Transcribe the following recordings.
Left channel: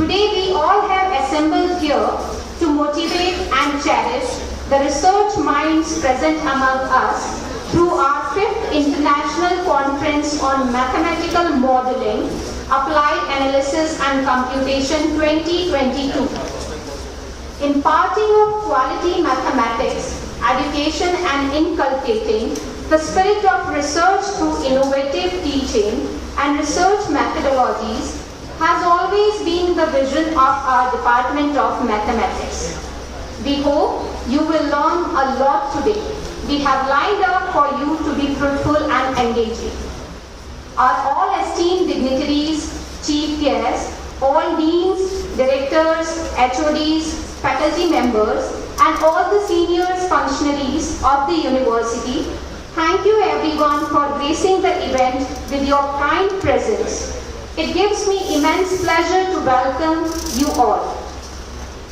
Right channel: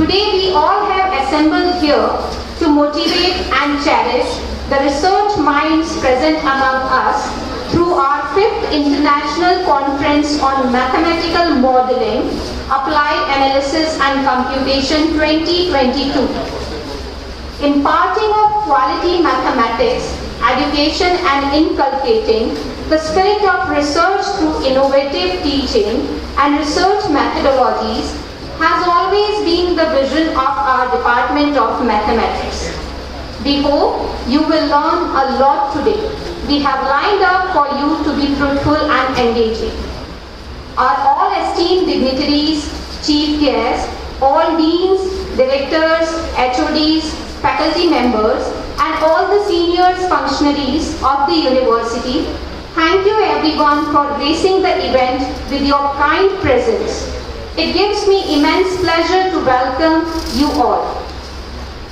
Today we all have assembled here to motivate and cherish the research minds present among us through our 5th International Conference on Mathematical Modeling, Applied Analysis and Computation 2022. Imparting of quality mathematics, education and inculcating the spirit of research through innovative teaching and research methodologies has always been the vision of our Department of Mathematics. We hope you will learn a lot today. We have lined up for you to be fruitful and engaging. Our all esteemed dignitaries, chief guests, all deans, directors, HODs, faculty members, and all the seniors functionaries of the university, thank you everyone for gracing the event with your kind presence. It gives me immense pleasure to welcome you all.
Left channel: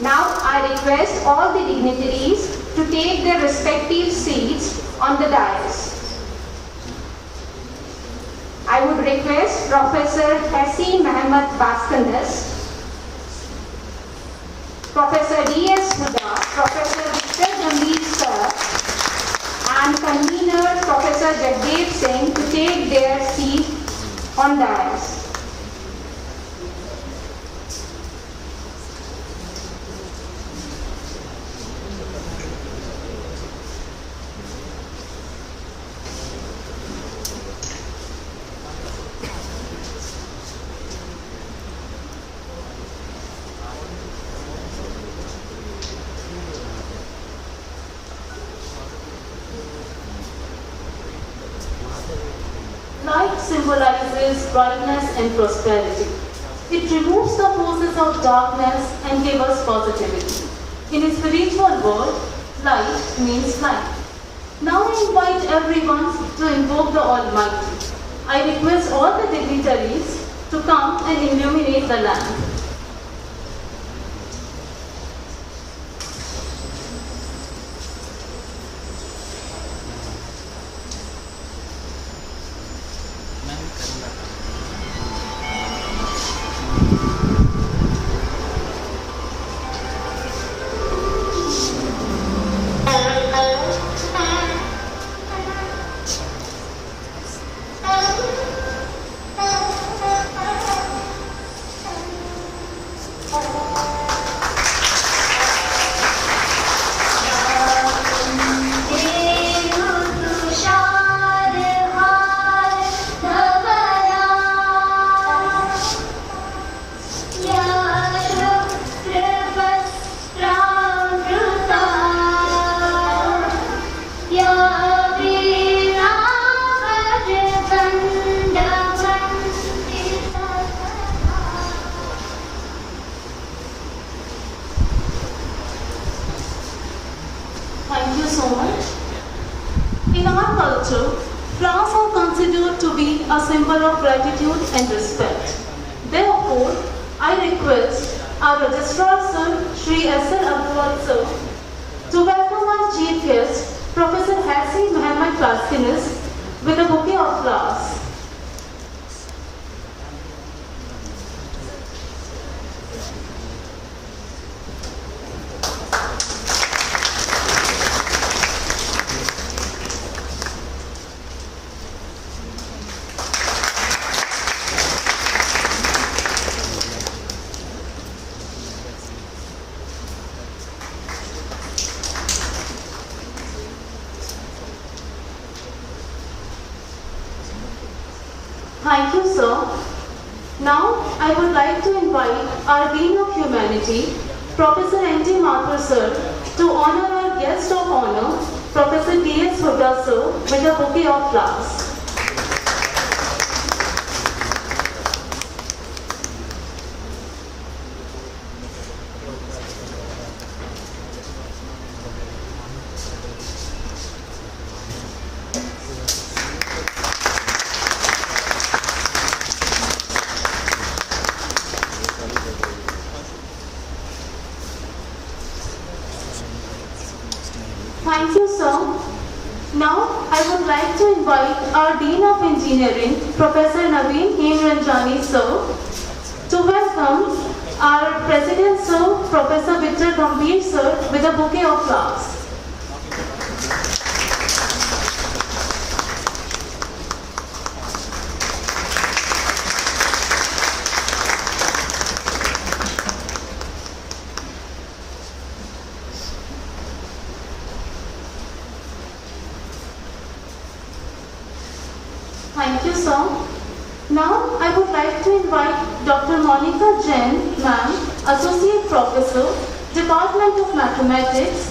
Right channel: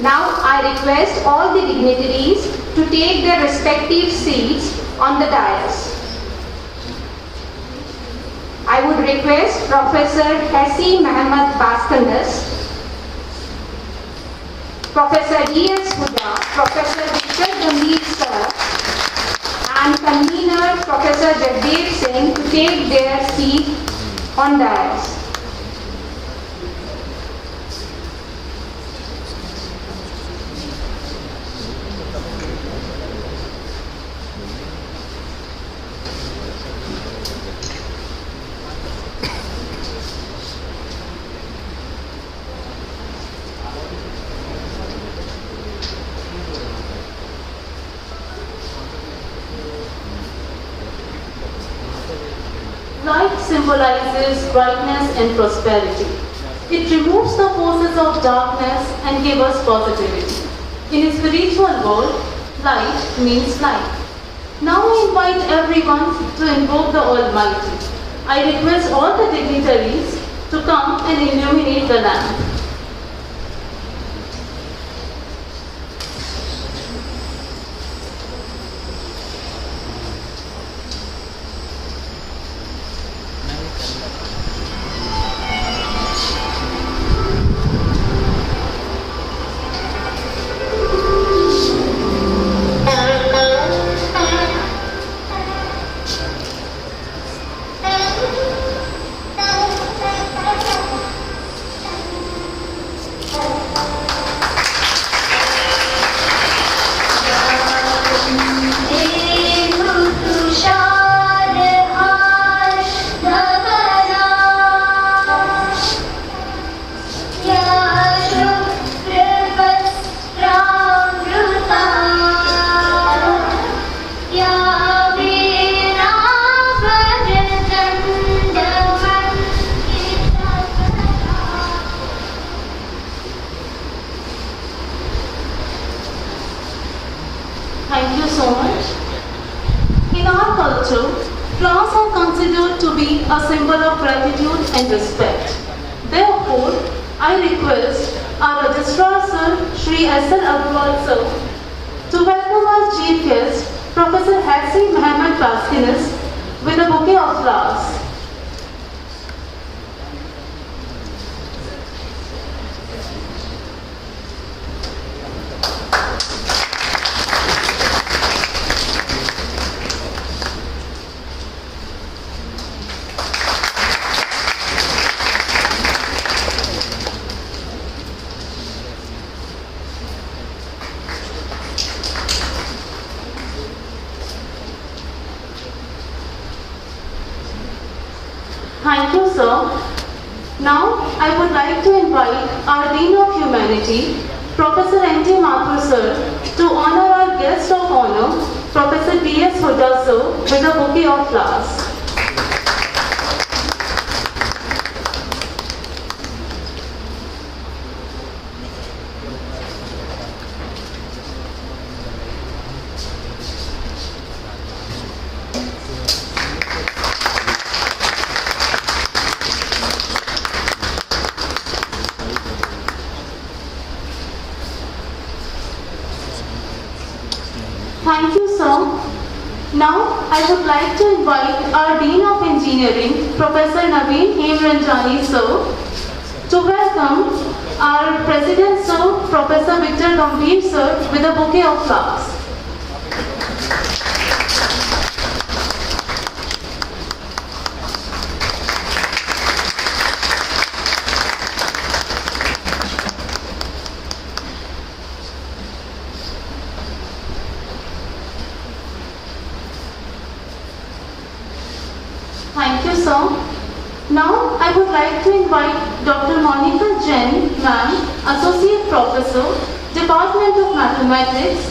Now I request all the dignitaries to take their respective seats on the dais. I would request Professor Hassi Mohammed Baskanas, Professor D.S. Huda, Professor Victor Gambhir Sir, and convener Professor Jagdev Singh to take their seat on dais. Light symbolizes brightness and prosperity. It removes the forces of darkness and gives us positivity. In a spiritual world, light means light. Now I invite everyone to invoke the Almighty. I request all the dignitaries to come and illuminate the lamp. Thank you so much. In our culture, flowers are considered to be a symbol of gratitude and respect. Therefore, I request our Registrar Sir, Shri S.L. Agrawal Sir, to welcome our Chief Guest, Professor Hassi Mohammed Baskanas, with a bouquet of flowers. Thank you, sir. Now, I would like to invite our Dean of Humanity, Professor N.T. Mathur, sir, to honor our guest of honor, Professor D.S. Huda, sir, with a bouquet of flowers. Thank you, sir. Now, I would like to invite our Dean of Engineering, Professor Naveen Hemranjani, sir, to welcome our President Sir, Professor Victor Gambhir Sir, with a bouquet of flowers. Thank you, sir. Now, I would like to invite Dr. Monica Jain, ma'am, Associate Professor, Department of Mathematics,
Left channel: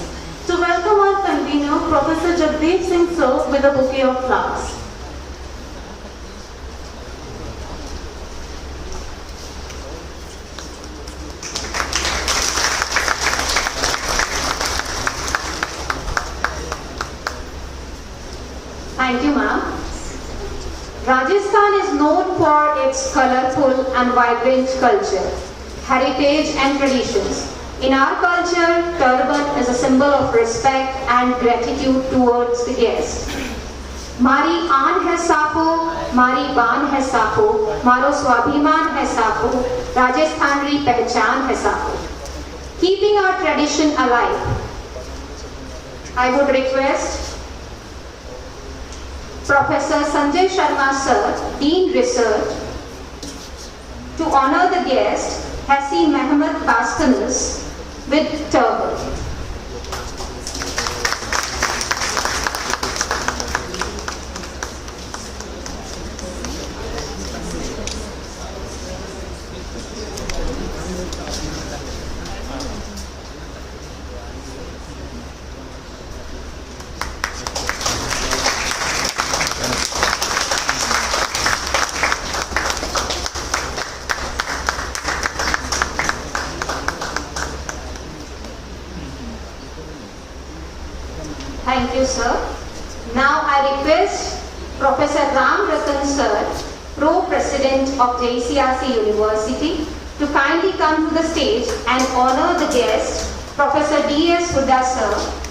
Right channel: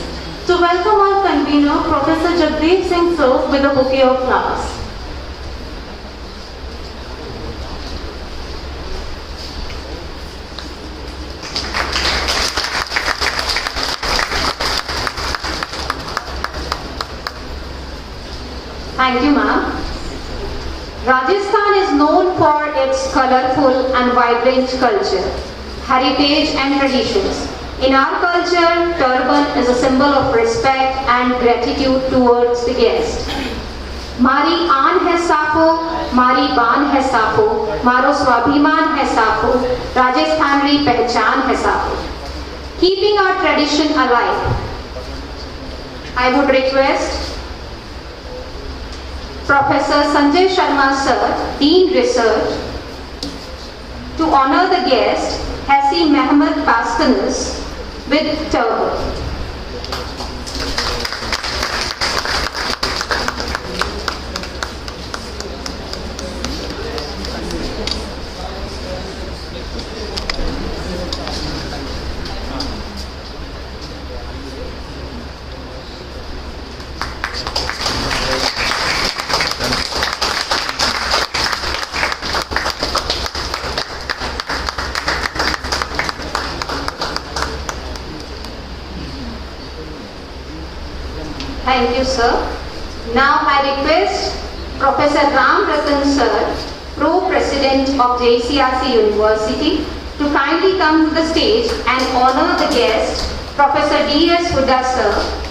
to welcome our convener, Professor Jagdeep Singh Sir, with a bouquet of flowers. Thank you, ma'am. Rajasthan is known for its colorful and vibrant culture, heritage and traditions. In our culture, turban is a symbol of respect and gratitude towards the guest. Mari aan hai safo, mari baan hai safo, maro swabhiman hai safo, Rajasthanri pehchan hai safo. Keeping our tradition alive, I would request Professor Sanjay Sharma Sir, Dean Research, to honor the guest, Hassi Mehmet Pastanis, with turban. Thank you, sir. Now I request Professor Ram Ratan Sir, Pro-President of Jecrc University, to kindly come to the stage and honor the guest, Professor D.S. Huda Sir.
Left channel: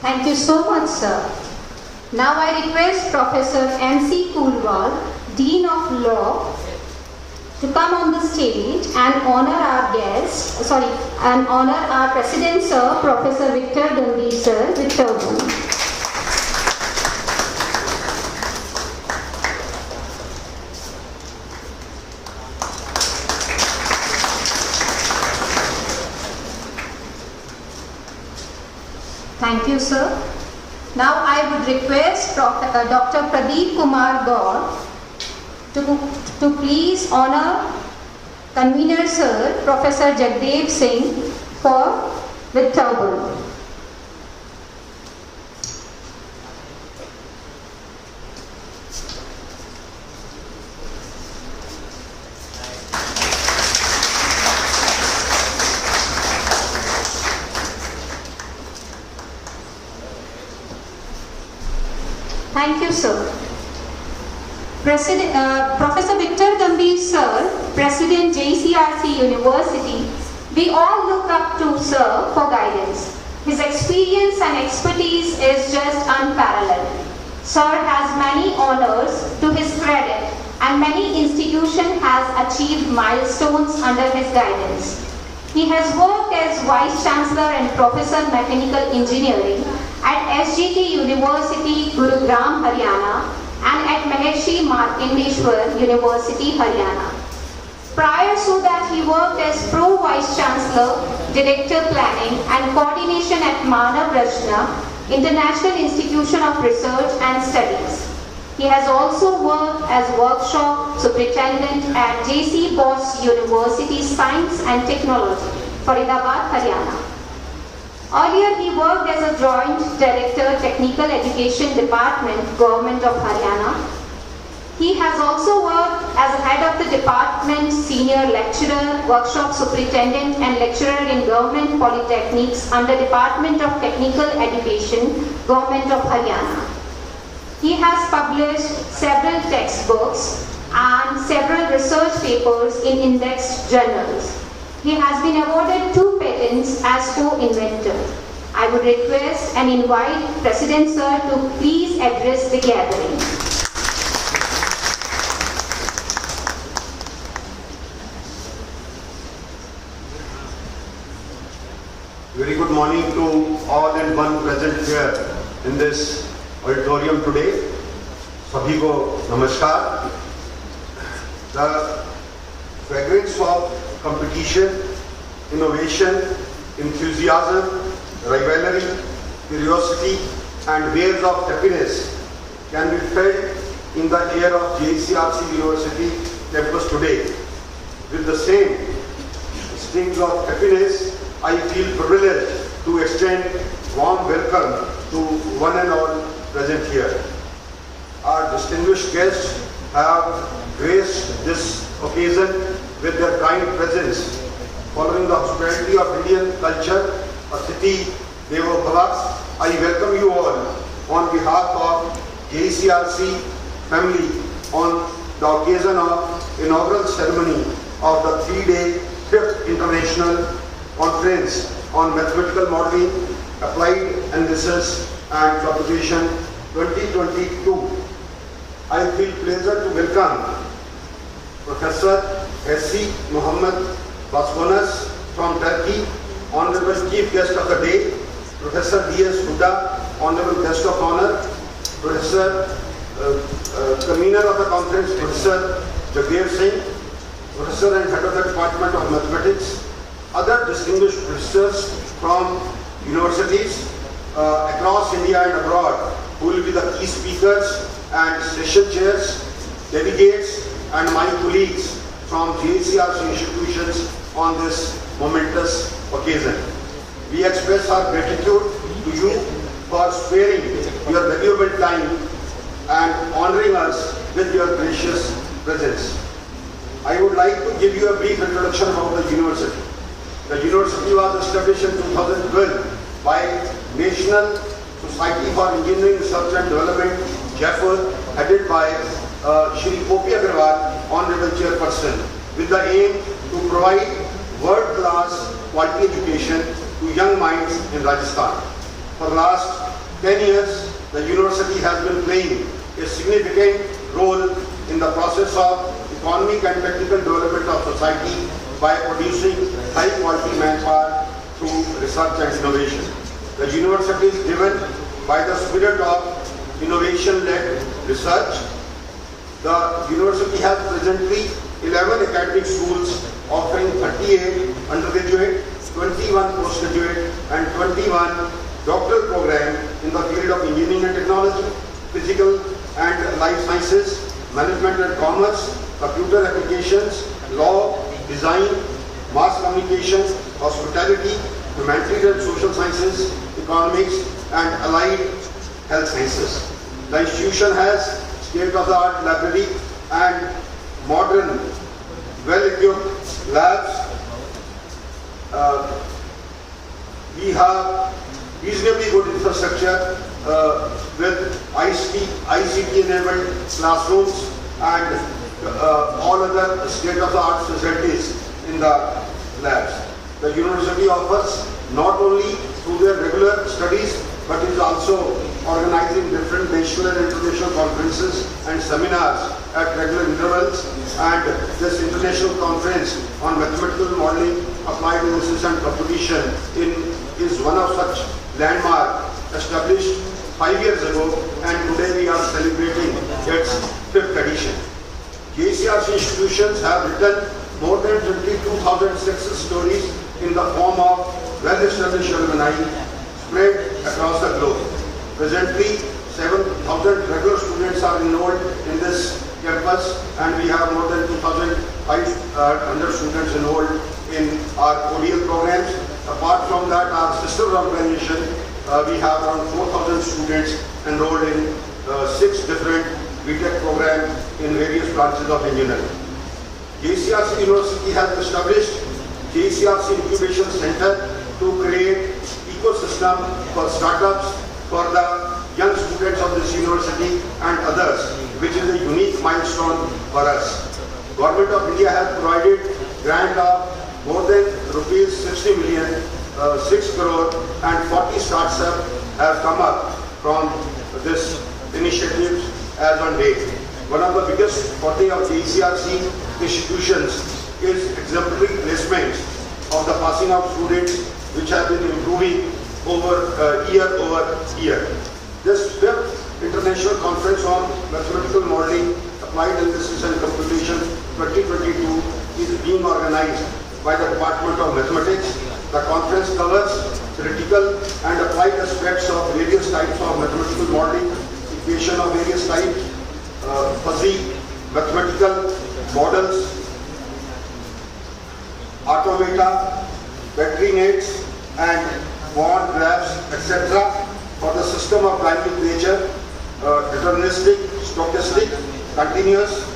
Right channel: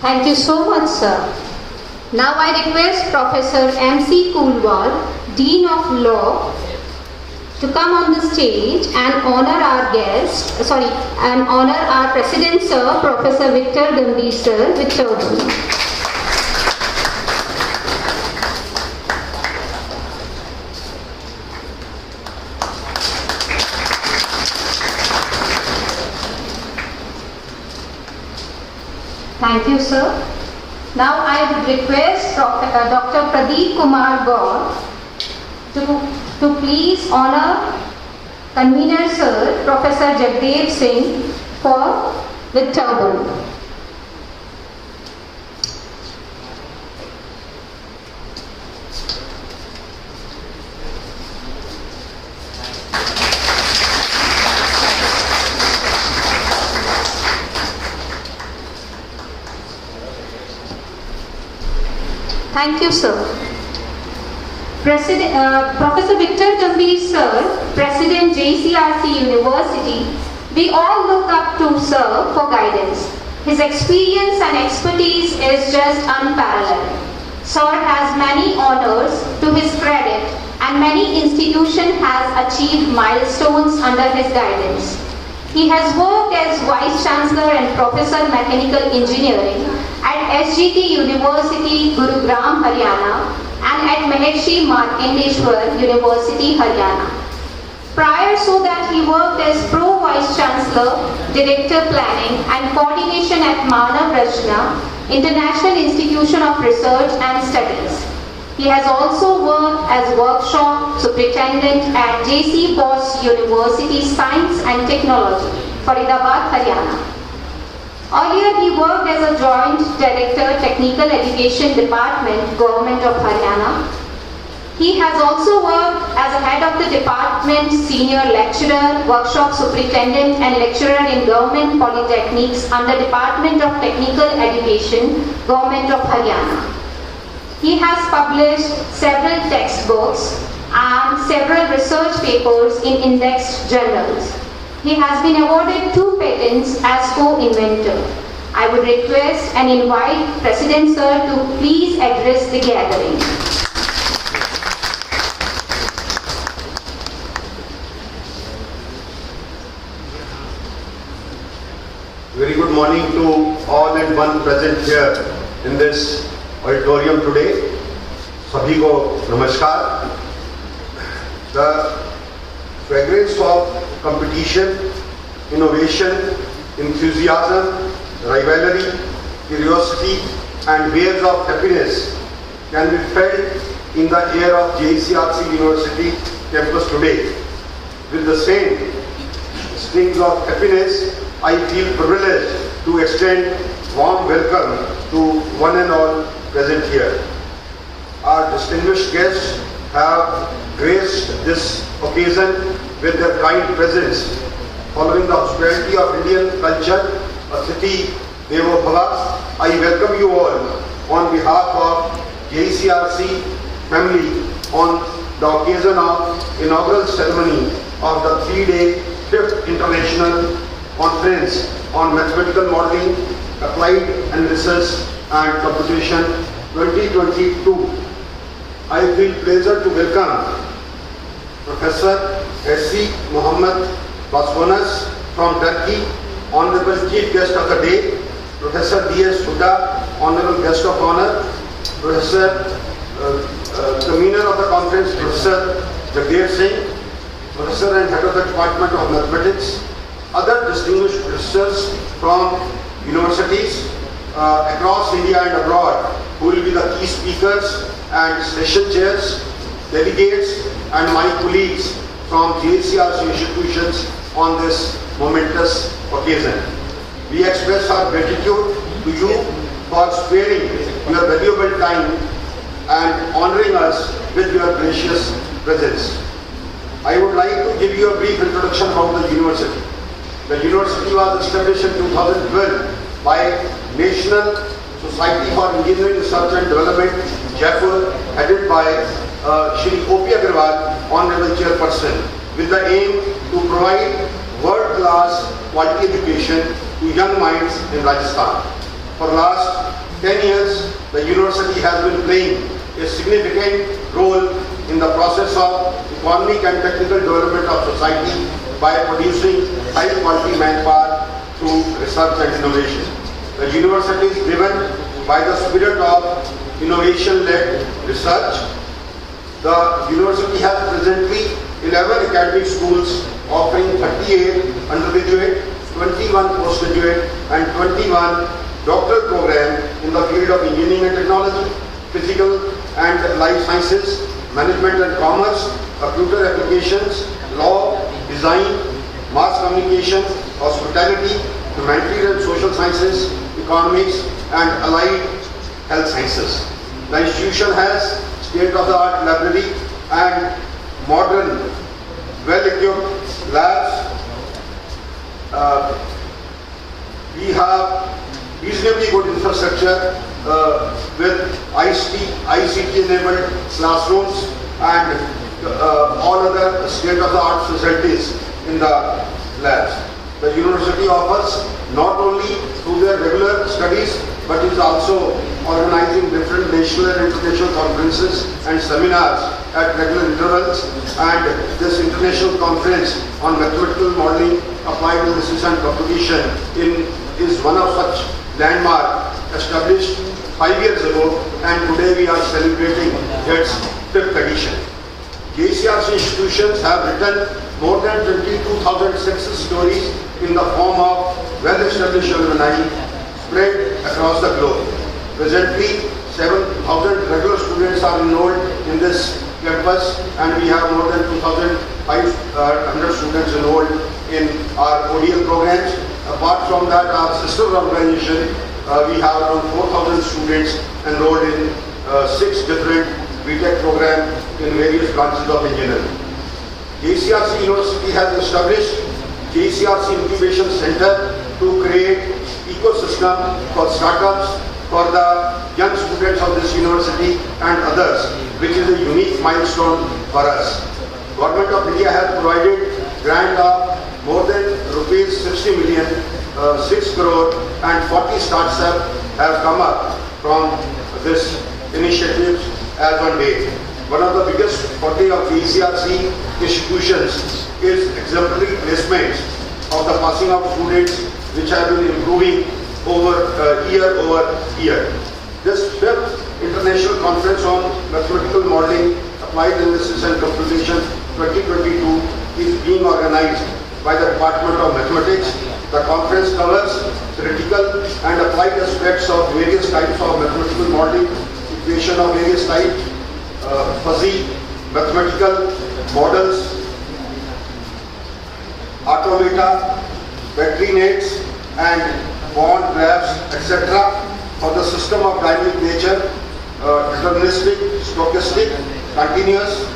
Thank you so much, sir. Now I request Professor M.C. Kulwal, Dean of Law, to come on the stage and honor our President, Sir, Professor Victor Gambhir Sir, with turban. Thank you, sir. Now I would request Dr. Pradeep Kumar Gaur to please honor convener sir, Professor Jagdeep Singh, with turban. Thank you, sir. Professor Victor Gambhir Sir, President Jecrc University, we all look up to Sir for guidance. His experience and expertise is just unparalleled. Sir has many honors to his credit and many institutions has achieved milestones under his guidance. He has worked as Vice Chancellor and Professor Mechanical Engineering at SGT University, Gurugram, Haryana, and at Maharishi Markandeeshwar University, Haryana. Prior to that, he worked as Pro Vice Chancellor, Director Planning and Coordination at Manav Rachna, International Institution of Research and Studies. He has also worked as Workshop Superintendent at J.C. Bose University Science and Technology, Faridabad, Haryana. Earlier, he worked as a Joint Director, Technical Education Department, Government of Haryana. He has also worked as a head of the department, senior lecturer, workshop superintendent and lecturer in government polytechnics under Department of Technical Education, Government of Haryana. He has published several textbooks and several research papers in indexed journals. He has been awarded 2 patents as co-inventor. I would request and invite President Sir to please address the gathering. Very good morning to all and one present here in this auditorium today. Sabhi ko namaskar. The fragrance of competition, innovation, enthusiasm, rivalry, curiosity and waves of happiness can be felt in the air of Jecrc University campus today. With the same strings of happiness, I feel privileged to extend warm welcome to one and all present here. Our distinguished guests have graced this occasion with their kind presence. Following the hospitality of Indian culture, a city Devo Bhava, I welcome you all on behalf of Jecrc family on the occasion of inaugural ceremony of the 3-day 5th International Conference on Mathematical Modeling, Applied Analysis and Computation 2022. I feel pleasure to welcome Professor S.C. Muhammad Basbonas from Turkey, Honorable Chief Guest of the Day, Professor D.S. Huda, Honorable Guest of Honor, Professor Convener of the Conference, Professor Jecrc, Professor and Head of the Department of Mathematics, other distinguished professors from universities across India and abroad who will be the key speakers and session chairs, delegates and my colleagues from Jecrc institutions on this momentous occasion. We express our gratitude to you for sparing your valuable time and honoring us with your gracious presence. I would like to give you a brief introduction about the university. The university was established in 2012 by National Society for Engineering Research and Development, Jaipur, headed by Shri O.P. Agarwal, Honorable Chairperson, with the aim to provide world-class quality education to young minds in Rajasthan. For the last 10 years, the university has been playing a significant role in the process of economic and technical development of society by producing high-quality manpower through research and innovation. The university is driven by the spirit of innovation-led research. The university has presently 11 academic schools offering 38 undergraduate, 21 postgraduate and 21 doctoral programs in the field of engineering and technology, physical and life sciences, management and commerce, computer applications, law, design, mass communication, hospitality, humanities and social sciences, economics and allied health sciences. The institution has state-of-the-art library and modern, well-equipped labs. We have reasonably good infrastructure with ICT-enabled classrooms and all other state-of-the-art facilities in the labs. The university offers not only through their regular studies but is also organizing different national and international conferences and seminars at regular intervals, and this international conference on mathematical modeling, applied analysis and computation is one of such landmark established 5 years ago, and today we are celebrating its 5th edition. Jecrc institutions have written more than 22,000 success stories in the form of well-established alumni spread across the globe. Presently, 7,000 regular students are enrolled in this campus, and we have more than 2,500 students enrolled in our ODL programs. Apart from that, our sister organization, we have around 4,000 students enrolled in 6 different BTech programs in various branches of engineering. JCRC University has established JCRC Incubation Center to create ecosystem for startups for the young students of this university and others, which is a unique milestone for us. Government of India has provided grant of more than rupees 60 million, 6 crore and 40 startups have come up from this initiative as on date. One of the biggest forte of the ECRC institutions is exemplary placements of the passing out students, which have been improving year over year. This 5th International Conference on Mathematical Modeling, Applied Analysis and Computation 2022 is being organized by the Department of Mathematics. The conference covers theoretical and applied aspects of various types of mathematical modeling, equation of various types, fuzzy mathematical models, automata, battery nets and bond graphs, etc. for the system of dynamic nature, deterministic, stochastic, continuous,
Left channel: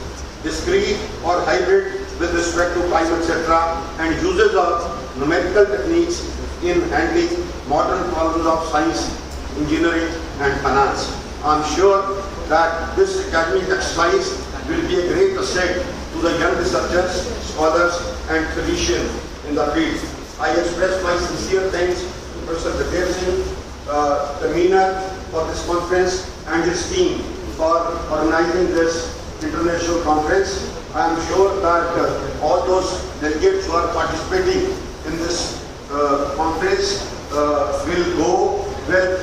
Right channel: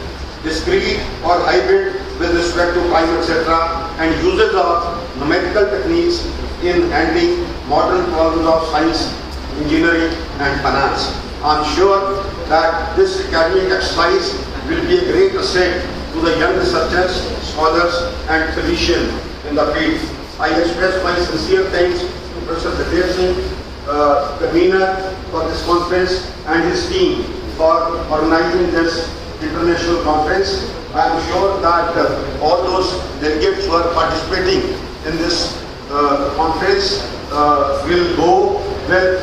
discrete or hybrid with respect to time, etc. and uses of numerical techniques in handling modern problems of science, engineering and finance. I am sure that this academic exercise will be a great asset to the young researchers, scholars and physicians in the field. I express my sincere thanks to Professor Jecrc Singh, convener for this conference, and his team for organizing this international conference. I am sure that all those delegates who are participating in this conference will go with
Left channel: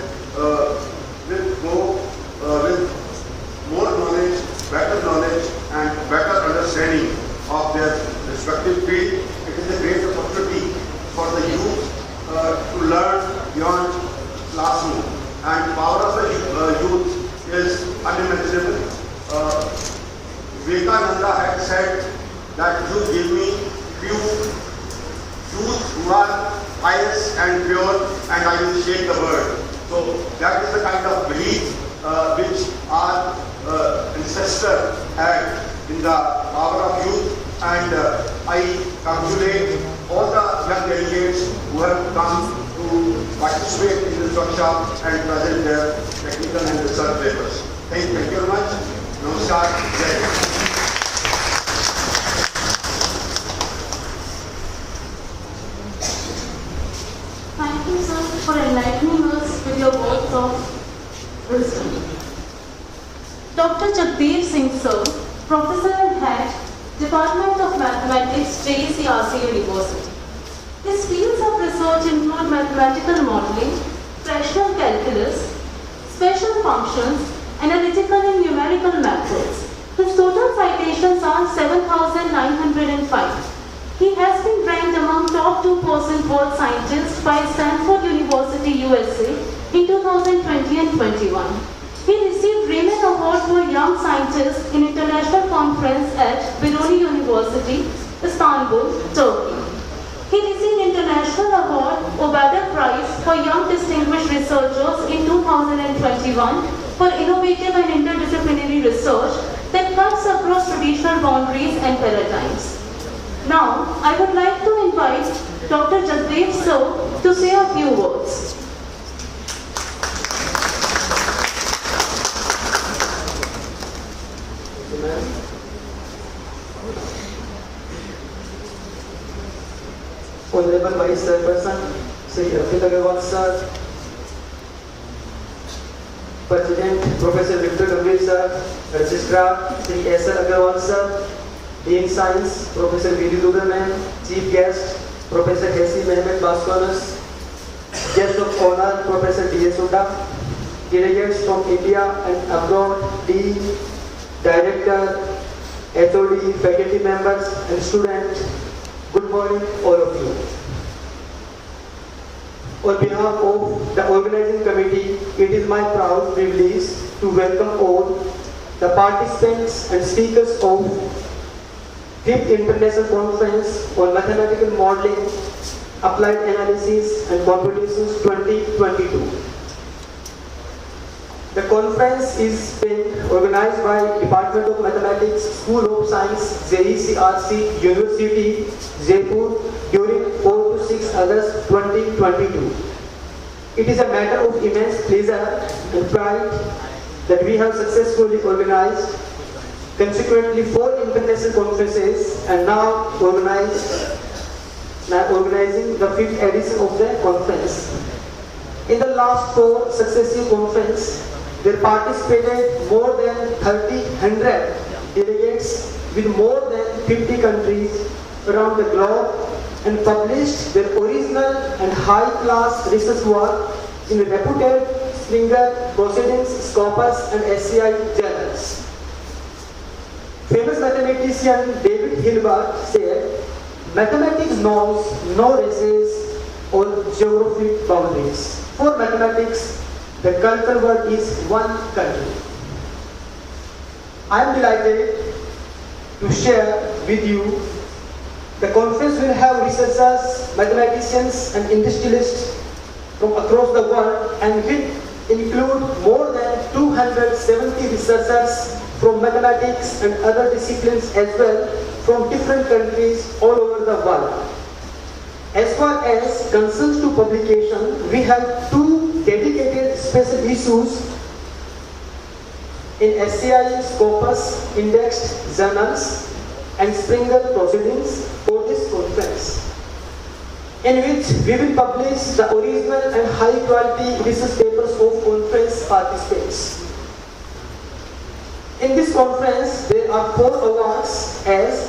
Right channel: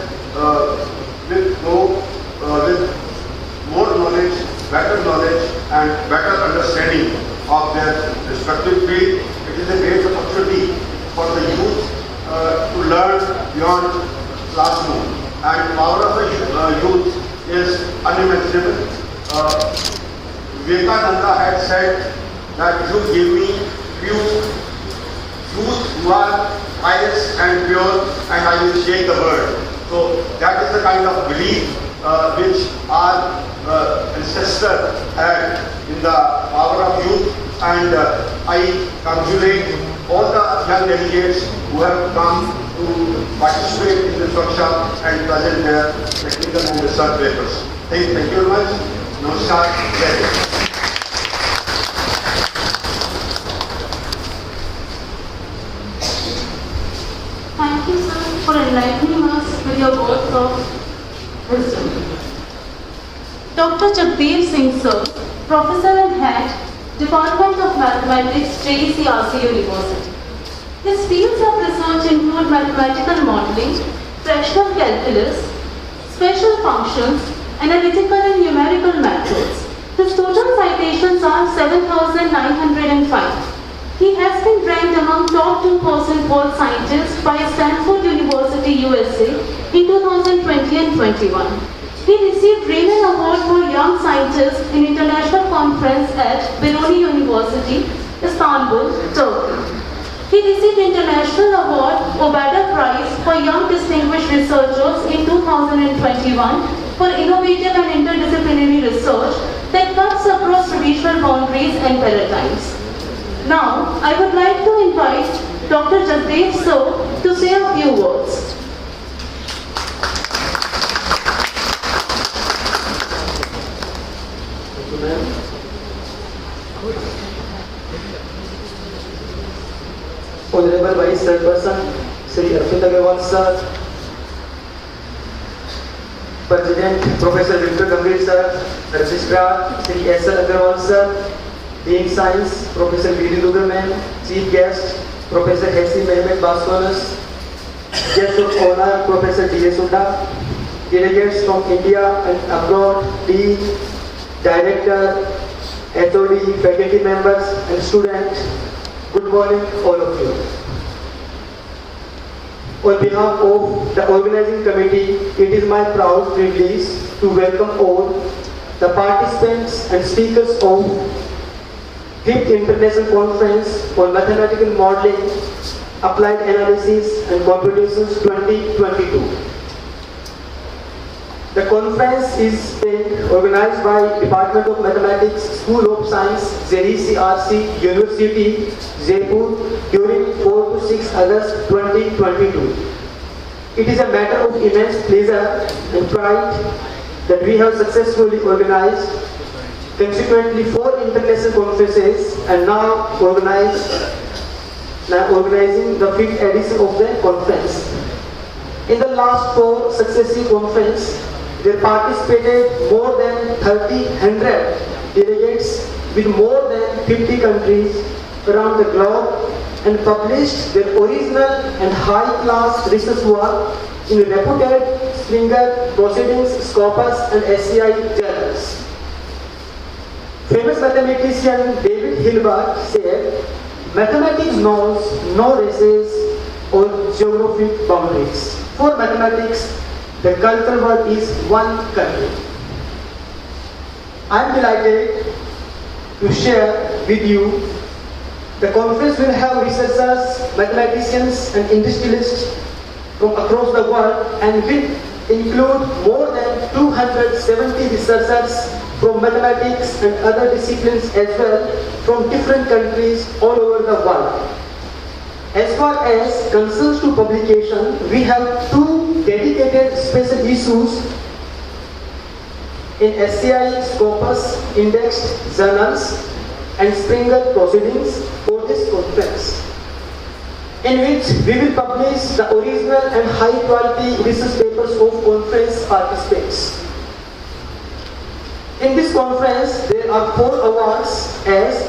more knowledge, better knowledge and better understanding of their respective field. It is a great opportunity for the youth to learn beyond classroom, and power of the youth is unimaginable. Vivekananda had said that you give me few youth who are pious and pure and I will shake the world. So that is the kind of belief which our ancestor had in the power of youth, and I congratulate all the young delegates who have come to participate in this workshop and present their technical and research papers. Thank you very much. Namaskar. Jai Hind. Thank you, sir, for enlightening us with your words of wisdom. Dr. Jagdeep Singh, sir, Professor and Head, Department of Mathematics, Jecrc University. His fields of research include mathematical modeling, fractional calculus, special functions, analytical and numerical methods. His total citations are 7,905. He has been ranked among top 2% world scientists by Stanford University, USA in 2020 and 21. He received Raymond Award for Young Scientists in International Conference at Biruni University, Istanbul, Turkey. He received International Award Obada Prize for Young Distinguished Researchers in 2021 for innovative and interdisciplinary research that cuts across traditional boundaries and paradigms. Now, I would like to invite Dr. Jagdeep sir to say a few words. Honorable Vice Chairperson, Sri Arvind Agarwal sir, President Professor Victor Gambhir sir, Registrar Sri S. L. Agarwal sir, Dean Science Professor B. D. Dugarman, Chief Guest Professor Hesi Mehmet Baskonus, Guest of Honor Professor D. S. Sunda, delegates from India and abroad, Dean, Director, HOD, faculty members and students. Good morning, all of you. On behalf of the organizing committee, it is my proud privilege to welcome all the participants and speakers of 5th International Conference on Mathematical Modeling, Applied Analysis and Computations 2022. The conference is being organized by Department of Mathematics, School of Science, Jecrc, University, Jaipur during 4 to 6 August 2022. It is a matter of immense pleasure and pride that we have successfully organized consequently 4 international conferences and now organizing the 5th edition of the conference. In the last 4 successive conferences, there participated more than 1,300 delegates with more than 50 countries around the globe and published their original and high-class research work in reputed Springer, Proceedings, Scopus and SCI journals. Famous mathematician David Hilbert said, "Mathematics knows no races or geographic boundaries. For mathematics, the cultural world is one country." I am delighted to share with you the conference will have researchers, mathematicians and industrialists from across the world and will include more than 270 researchers from mathematics and other disciplines as well from different countries all over the world. As far as concerns to publication, we have 2 dedicated special issues in SCI Scopus indexed journals and Springer Proceedings for this conference, in which we will publish the original and high quality research papers of conference participants. In this conference, there are 4 awards as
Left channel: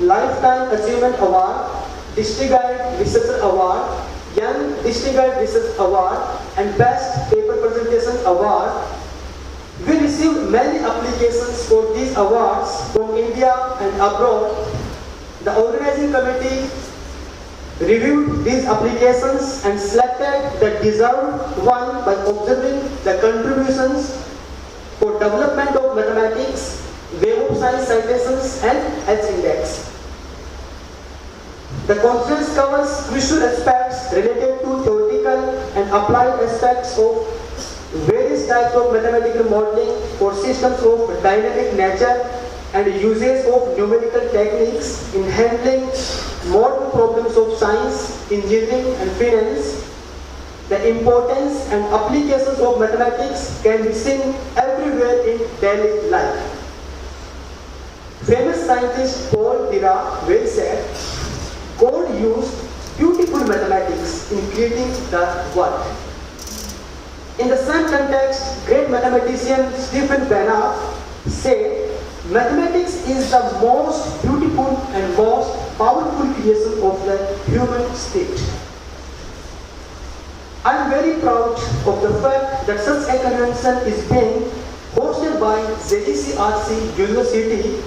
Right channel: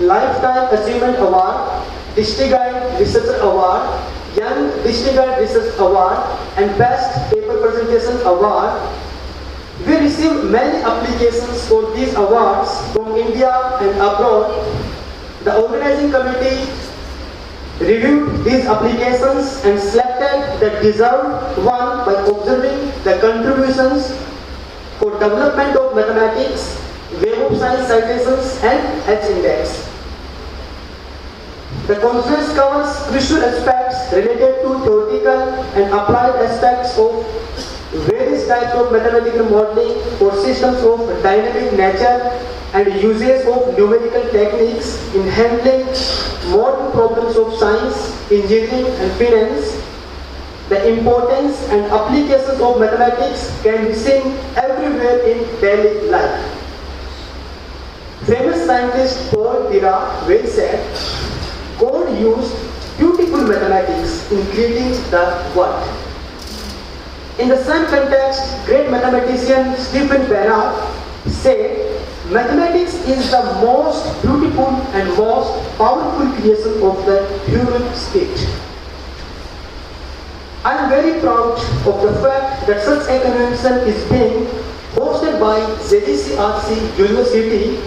Lifetime Achievement Award, Distinguished Researcher Award, Young Distinguished Research Award and Best Paper Presentation Award. We received many applications for these awards from India and abroad. The organizing committee reviewed these applications and selected the deserved one by observing the contributions for development of mathematics, Web of Science citations and H-index. The conference covers crucial aspects related to theoretical and applied aspects of various types of mathematical modeling for systems of dynamic nature and uses of numerical techniques in handling modern problems of science, engineering and finance. The importance and applications of mathematics can be seen everywhere in daily life. Famous scientist Paul Dirac well said, "God used beautiful mathematics in creating the world." In the same context, great mathematician Stephen Banach said, "Mathematics is the most beautiful and most powerful creation of the human spirit." I am very proud of the fact that such a convention is being hosted by Jecrc University,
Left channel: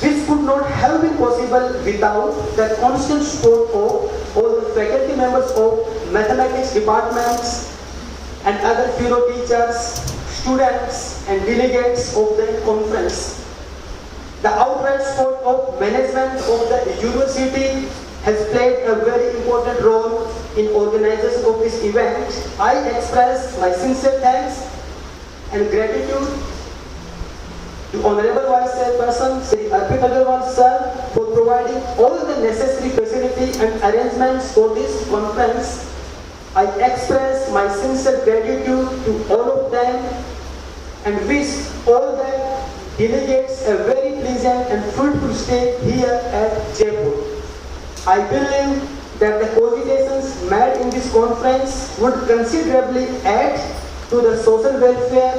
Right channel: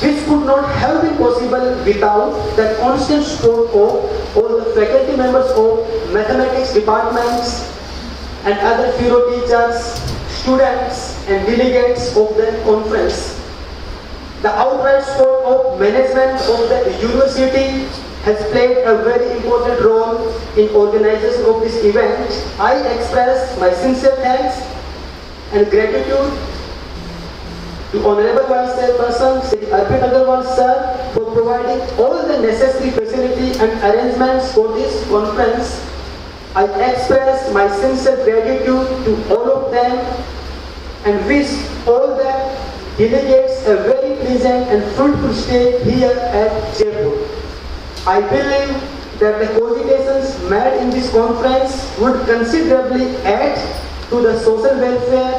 which could not have been possible without the constant support of all the faculty members of mathematics departments and other fellow teachers, students and delegates of the conference. The outright support of management of the university has played a very important role in organization of this event. I express my sincere thanks and gratitude to Honorable Vice Chairperson Shri Arpit Agarwal Sir for providing all the necessary facility and arrangements for this conference. I express my sincere gratitude to all of them and wish all the delegates a very pleasant and fruitful stay here at Jaipur. I believe that the cogitations made in this conference would considerably add to the social welfare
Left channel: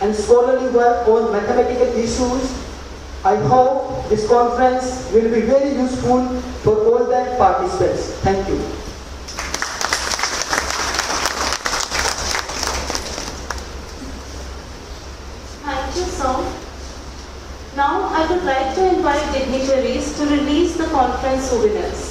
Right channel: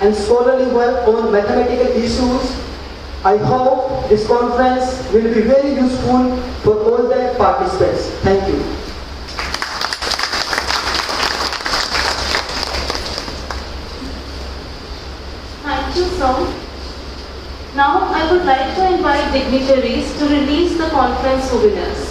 and scholarly work on mathematical issues. I hope this conference will be very useful for all the participants. Thank you. Thank you, sir. Now I would like to invite dignitaries to release the conference souvenirs.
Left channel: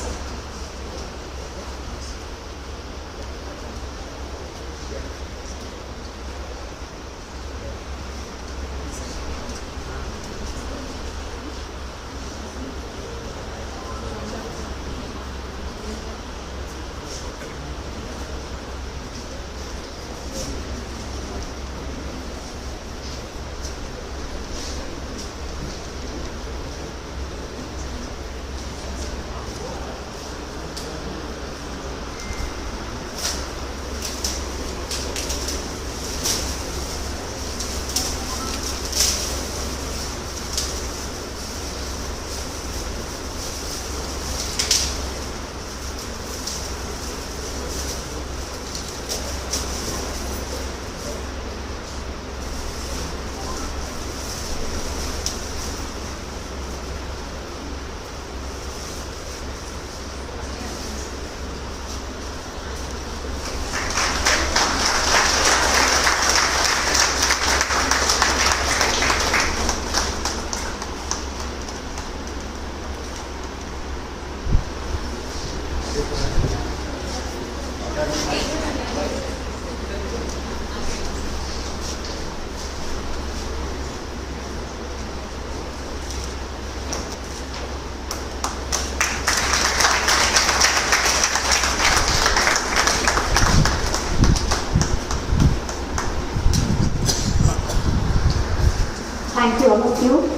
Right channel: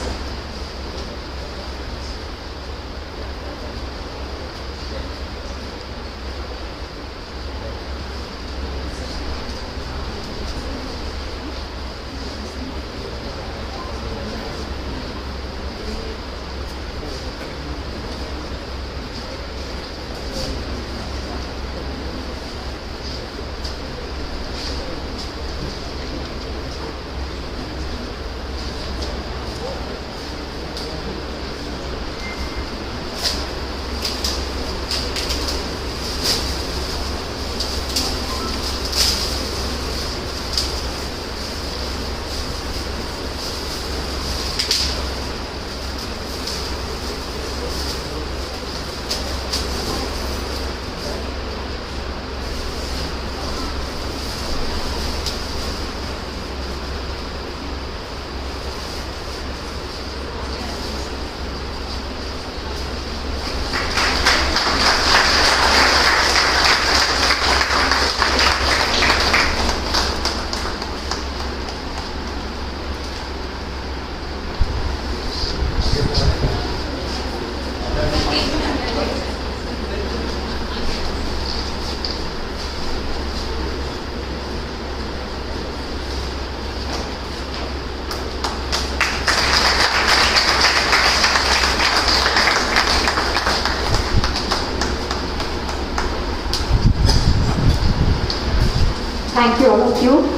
Thank you all of you.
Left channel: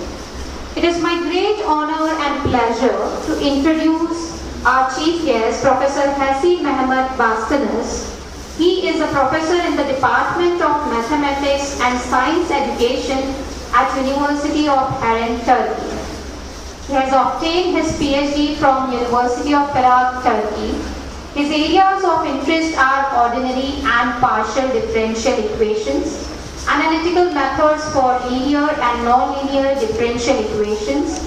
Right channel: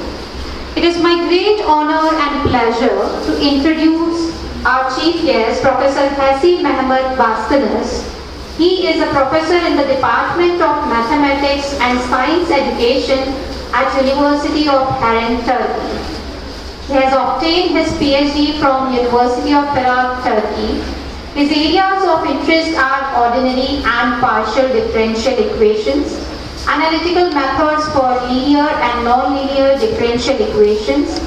It is my great honor and pleasure to introduce our chief guest, Professor Hassi Mehmet Bastanes. He is a professor in the Department of Mathematics and Science Education at University of Harran, Turkey. He has obtained his PhD from University of Prague, Turkey. His areas of interest are ordinary and partial differential equations, analytical methods for linear and nonlinear differential equations,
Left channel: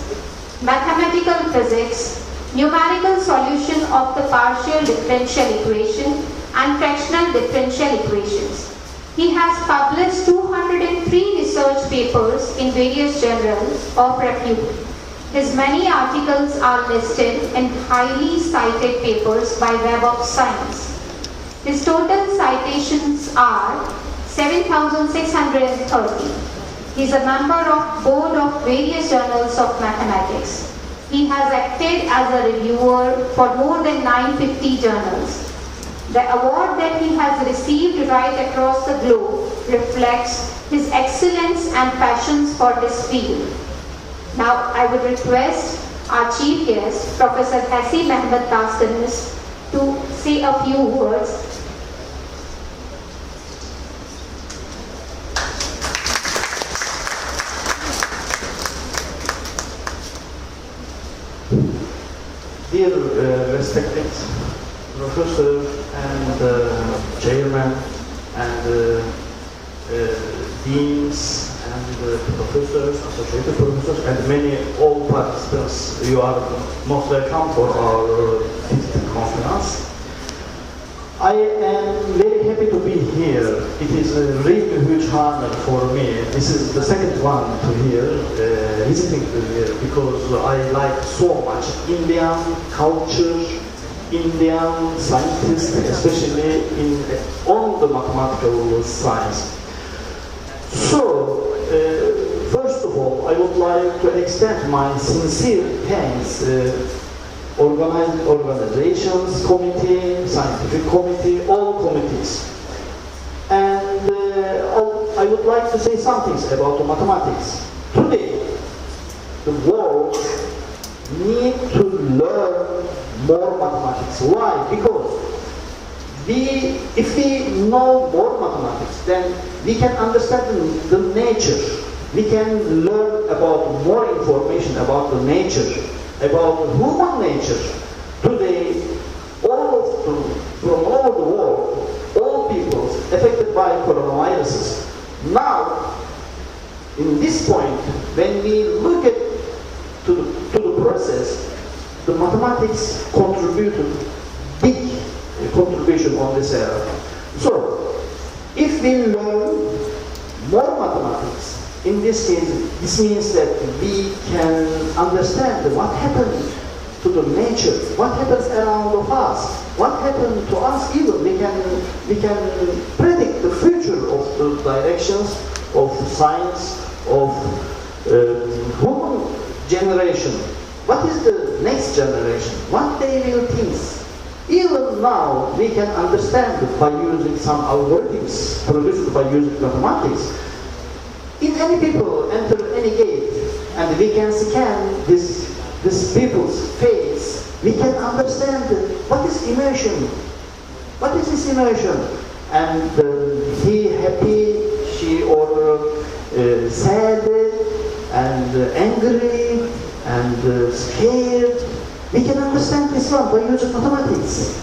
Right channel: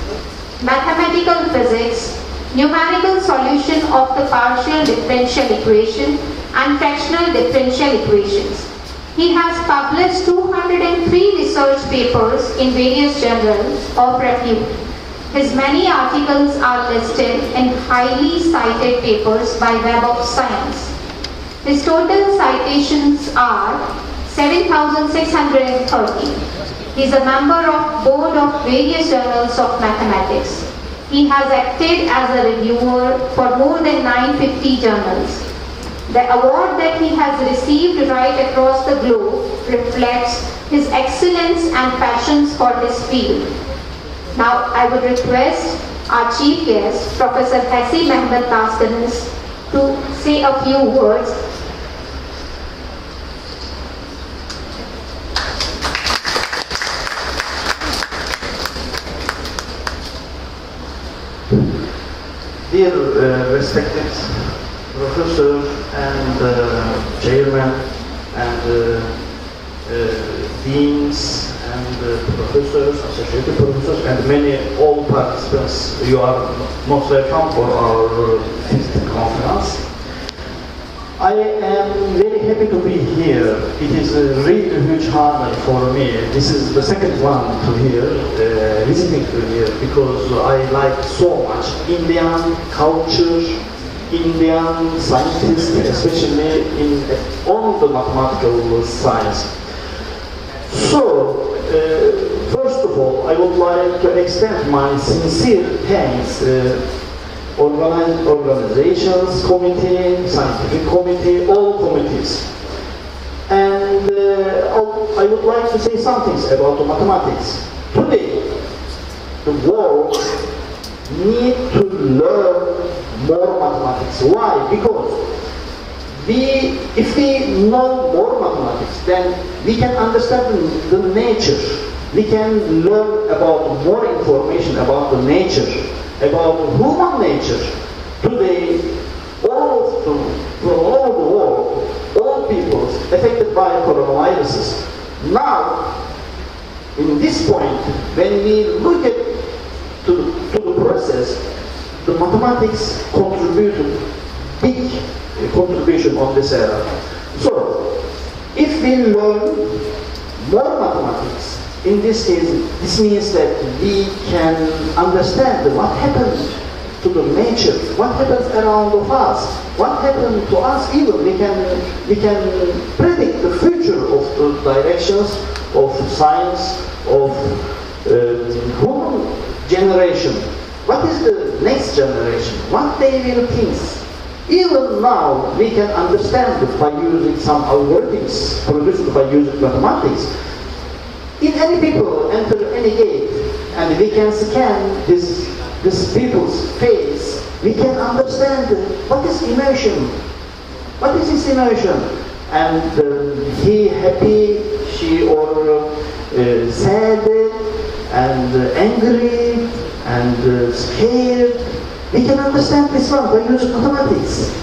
mathematical physics, numerical solution of the partial differential equation, and fractional differential equations. He has published 203 research papers in various journals of repute. His many articles are listed in highly cited papers by Web of Science. His total citations are 7,630. He is a member of board of various journals of mathematics. He has acted as a reviewer for more than 950 journals. The award that he has received right across the globe reflects his excellence and passions for this field. Now I would request our chief guest, Professor Hassi Mehmet Bastanes, to say a few words. Dear respected professor and chairman and deans and professors, associated professors, and many all participants, you are most welcome for our fifth conference. I am very happy to be here. It is a really huge honor for me. This is the second one to here, visiting to here, because I like so much Indian culture, Indian scientists, especially on the mathematical science. So, first of all, I would like to extend my sincere thanks organizations, committee, scientific committee, all committees. And I would like to say some things about the mathematics. Today, the world needs to learn more mathematics. Why? Because if we know more mathematics, then we can understand the nature. We can learn about more information about the nature, about human nature. Today, from all over the world, all people affected by coronaviruses. Now, in this point, when we look at to the process, the mathematics contributed big contribution on this era. So, if we learn more mathematics, in this case, this means that we can understand what happens to the nature, what happens around of us, what happens to us even. We can predict the future of the directions of science, of human generation. What is the next generation? What they will think? Even now, we can understand by using some algorithms produced by using mathematics. If any people enter any gate and we can scan this people's face, we can understand what is emotion. What is his emotion? And he happy, she or sad, and angry, and scared. We can understand this one by using mathematics.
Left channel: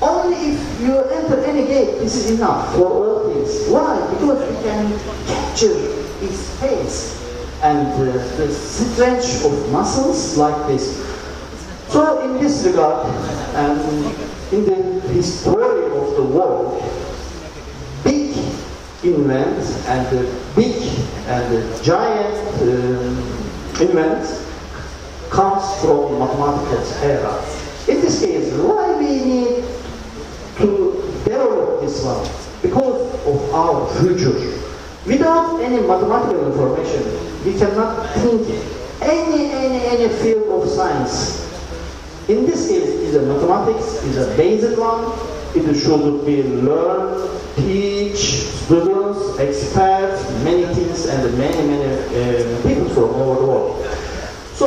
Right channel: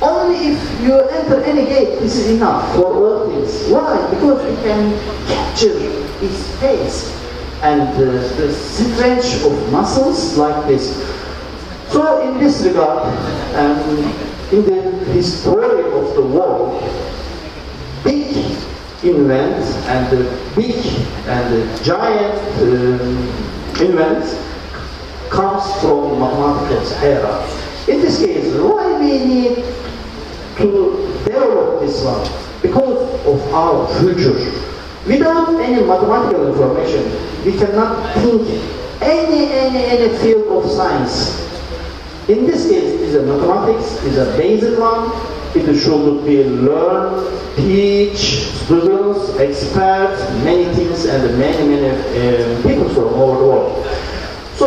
Only if you enter any gate, this is enough for all things. Why? Because we can capture his face and the stretch of muscles like this. So in this regard, in the history of the world, big invents and big and giant invents comes from mathematical era. In this case, why we need to develop this one? Because of our future. Without any mathematical information, we cannot think any field of science. In this case, it is a mathematics, is a basic one. It should be learned, teach students, experts, many things and many people from all over the world. So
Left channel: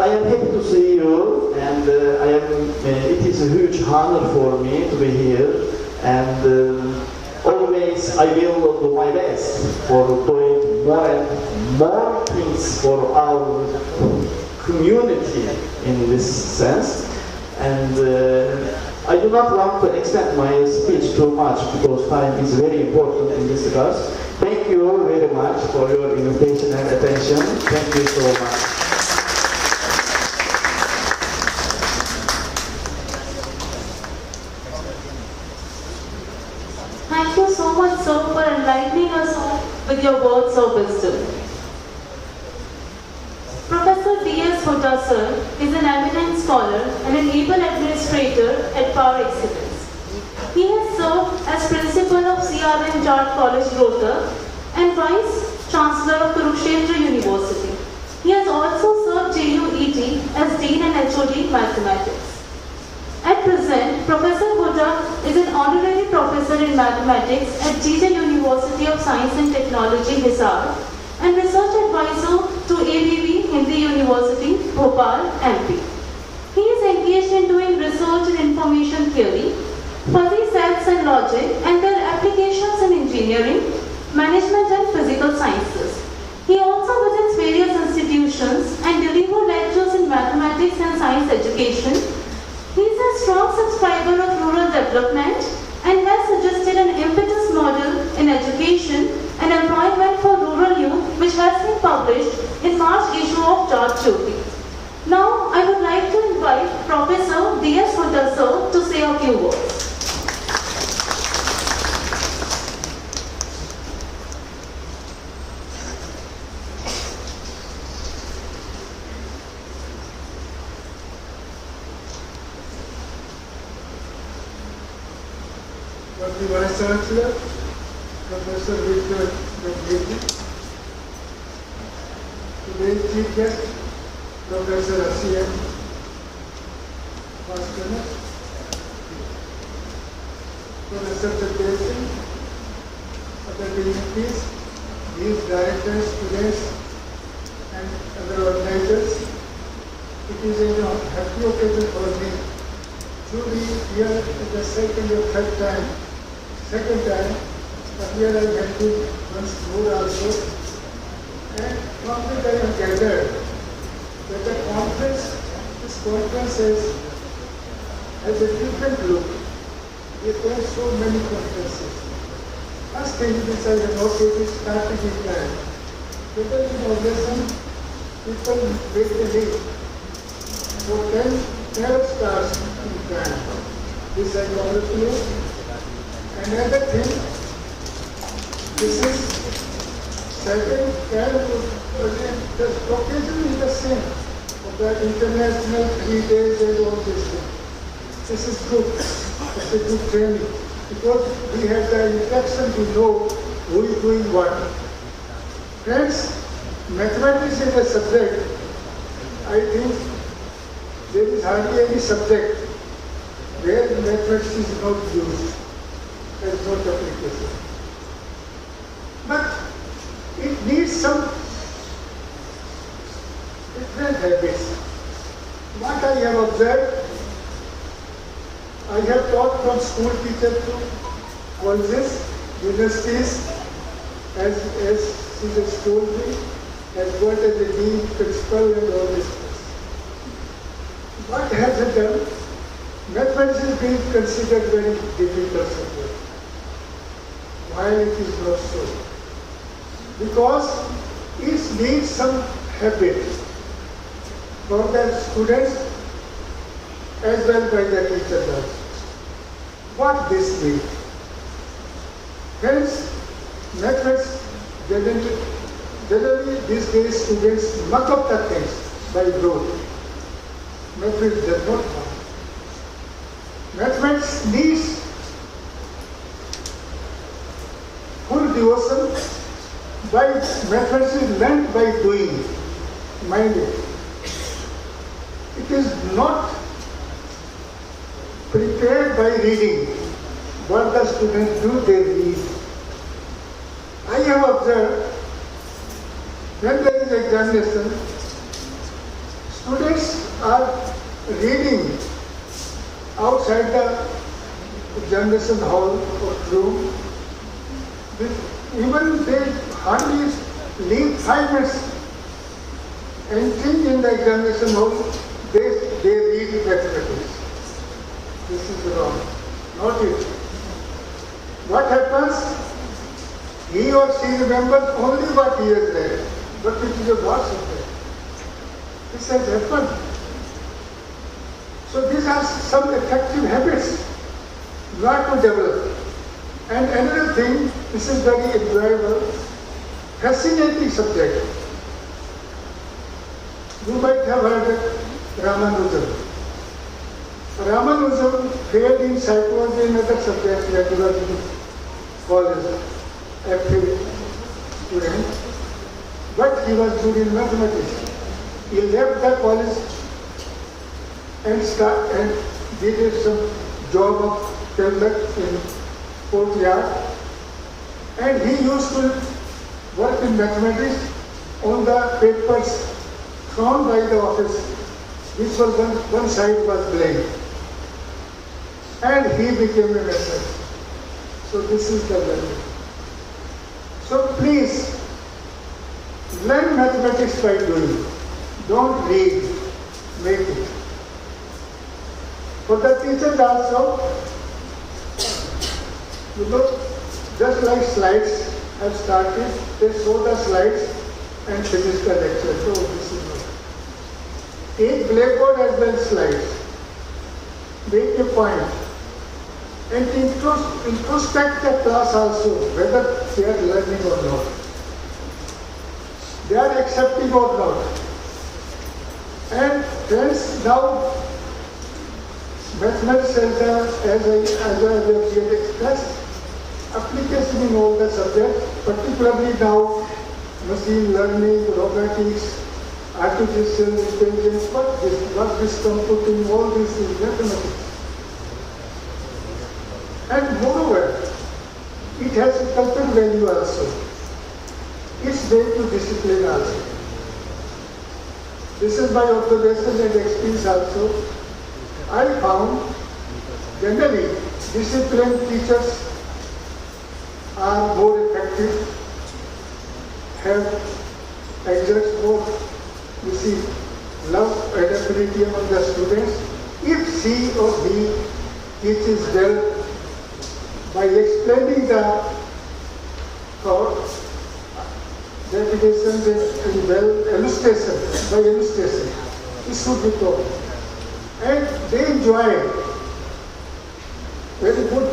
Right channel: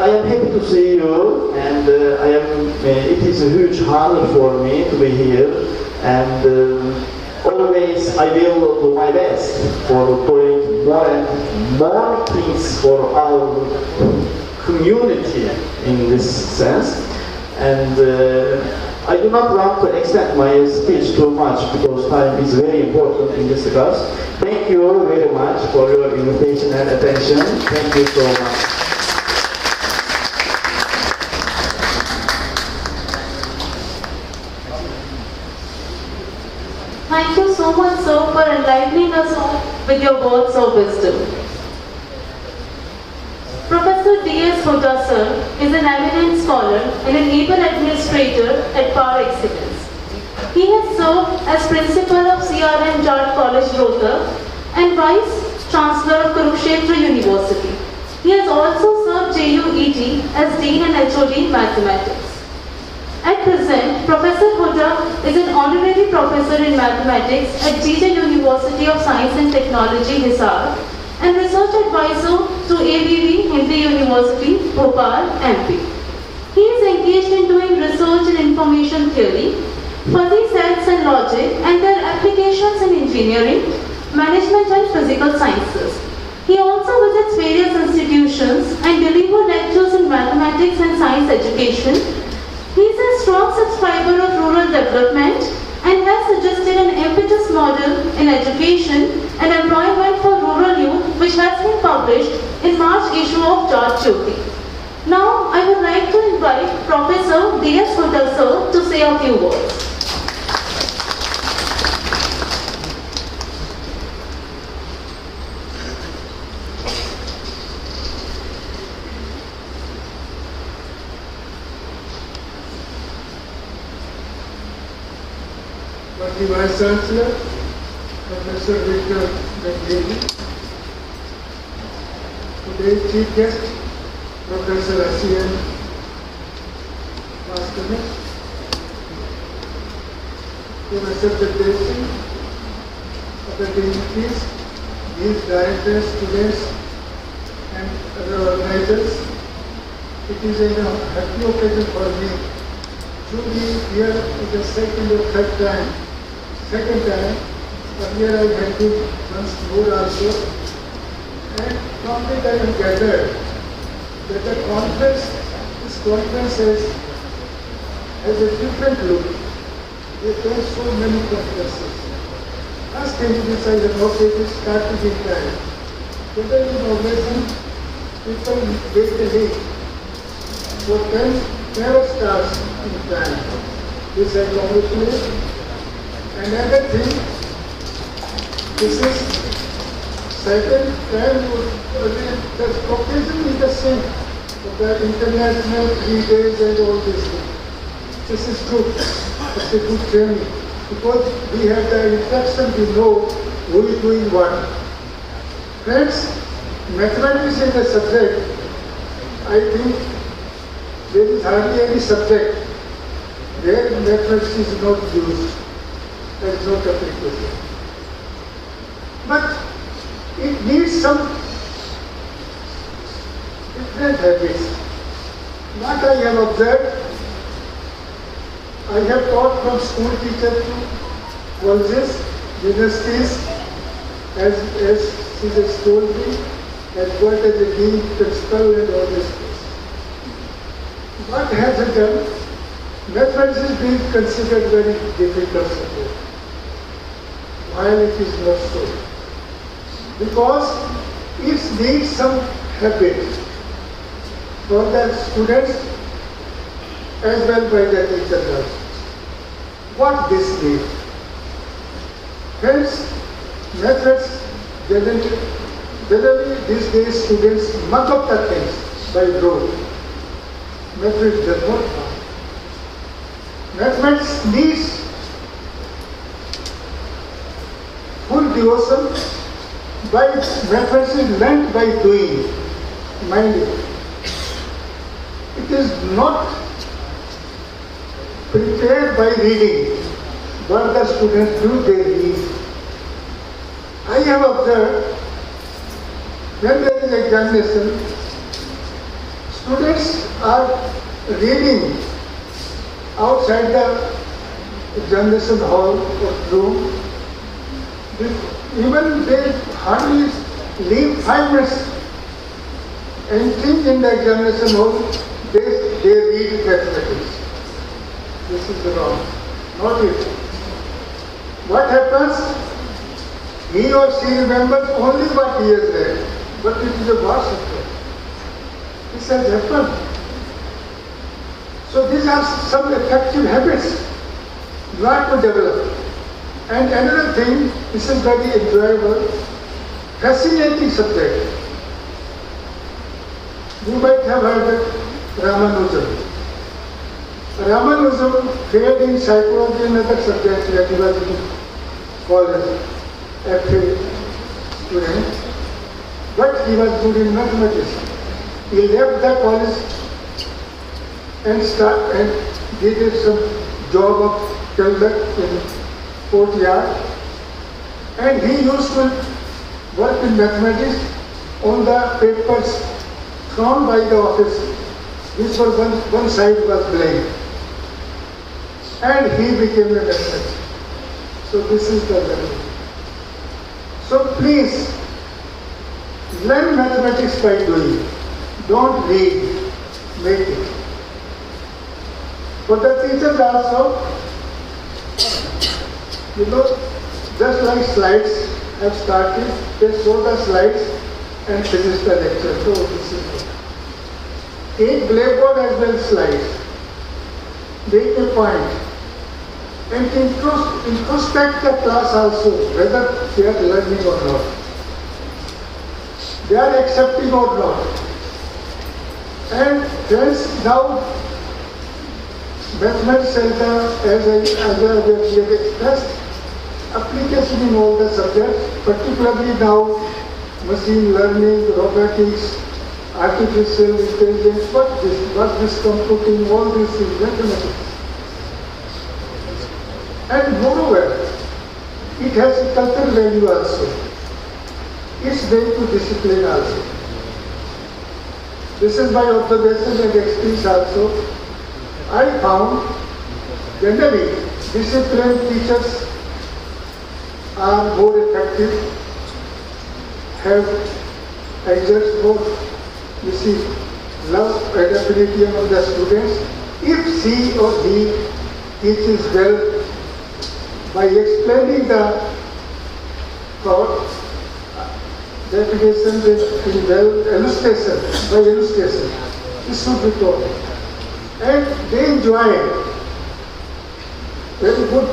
I am happy to see you, and it is a huge honor for me to be here, and always I will do my best for doing more and more things for our community in this sense. And I do not want to extend my speech too much because time is very important in this class. Thank you very much for your invitation and attention. Thank you so much. Thank you so much, sir, for enlightening us with your words of wisdom. Professor D.S. Huda, sir, is an eminent scholar and an able administrator at Par Excellence. He has served as principal of CRM Jat College, Rohtak, and vice chancellor of Kurukshetra University. He has also served JUET as dean and HOD Mathematics. At present, Professor Huda is an honorary professor in mathematics at GJ University of Science and Technology, Hisar, and research advisor to ABV Hindi University, Bhopal, MP. He is engaged in doing research in information theory, fuzzy sets and logic, and their applications in engineering, management, and physical sciences. He also visits various institutions and delivers lectures in mathematics and science education. He is a strong subscriber of rural development and has suggested an impetus model in education and employment for rural youth, which has been published in March issue of Jecrc. Now, I would like to invite Professor D.S. Huda, sir, to say a few words. The Vice Chancellor, Professor Jecrc. Today's Chief Guest, Professor S.E.M. Bhaskar, Professor Jagdeep, other dignities, these directors, students, and other organizers. It is a happy occasion for me to be here for the second or third time. Earlier I had been once more also, and from that I have gathered that this conference has a different look. There are so many conferences. First thing which I have noticed is strategic plan. Whether in organization, people wait a week for 10 never starts in plan. This I congratulate. Another thing, this is second childhood, the occasion is the same, the international 3 days and all this thing. This is good, it's a good training, because we have the interaction, we know who is doing what. Friends, mathematics is a subject, I think there is hardly any subject where mathematics is not used. There is no application. But it needs some different habits. What I have observed, I have taught from school teacher to colleges, universities, as she just told me, has worked as a dean, principal, and all this. What has it done? Mathematics is being considered very difficult subject. While it is not so. Because it needs some habit for the students as well by the teachers. What this means? Hence, mathematics generally these days students muck up the things by rote. Mathematics does not work. Mathematics needs full devotion. By mathematics is learned by doing. Mind it. It is not prepared by reading. What the students do, they read. I have observed when there is examination, students are reading outside the examination hall or room. Even they hardly leave 5 minutes. Entering in the examination hall, they read mathematics. This is wrong. Not it. What happens? He or she remembers only what he has read, but it is a vast subject. This has happened. So these are some effective habits not to develop. And another thing, this is very enjoyable, fascinating subject. You might have heard of Ramanujan. Ramanujan failed in psychology and other subjects when he was in college, FA student, but he was good in mathematics. He left the college and did some job of clerk in courtyard, and he used to work in mathematics on the papers thrown by the office, which for one side was blank, and he became a mathematician. So this is the learning. So please learn mathematics by doing. Don't read, make it. For the teachers also, just like slides have started, they show the slides and finish the lecture. So this is it. Take blackboard as well slides. Make a point. And introspect the class also, whether they are learning or not. They are accepting or not. And friends, now Mathematics Center, as we have expressed, application in all the subjects, particularly now machine learning, robotics, artificial intelligence, what this computing, all this is mathematics. And moreover, it has a cultural value also. It's way to discipline also. This is my observation and experience also. I found generally disciplined teachers are more effective, have exerts more, love and affinity among the students. If she or he teaches well by explaining the thought, definition in well, illustration, by illustration, this should be taught. And they enjoy very good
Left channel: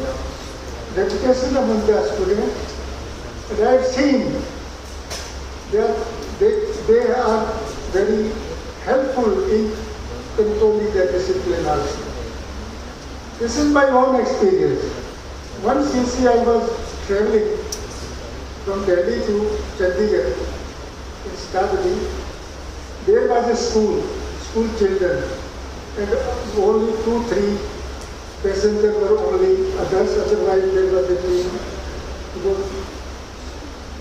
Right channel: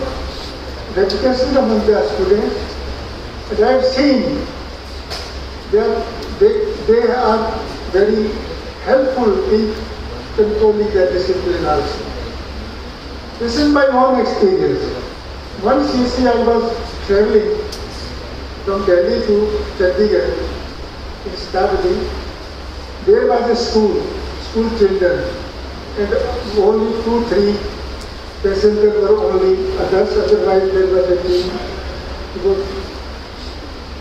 education among the students. And I have seen they are very helpful in controlling the discipline also. This is my own experience. One CC I was traveling from Delhi to Chandigarh in Stabadi. There was a school children, and only 2-3 passengers were only adults, otherwise there was a team.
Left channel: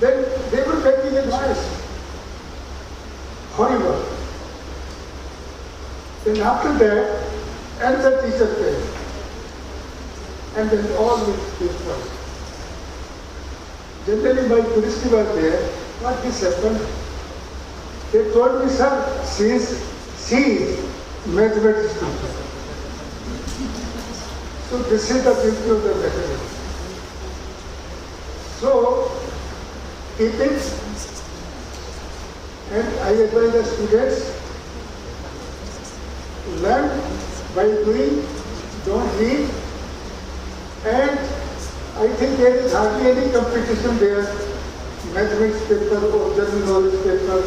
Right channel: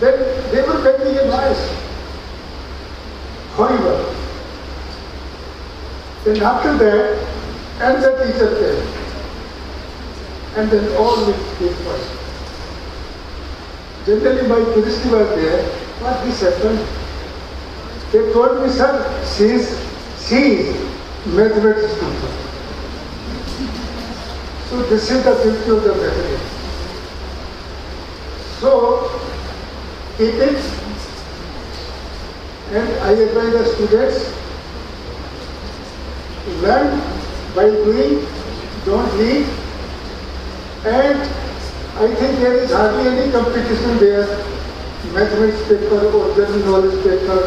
Then they were getting a noise. Horrible. Then after that, another teacher came. And then all will keep quiet. Generally my curiosity was there. What this happened? They told me, sir, she is mathematics teacher. So this is the beauty of the mathematics. So keep it, and I advise the students, learn by doing, don't read. And I think there is hardly any competition there, mathematics paper or general knowledge paper,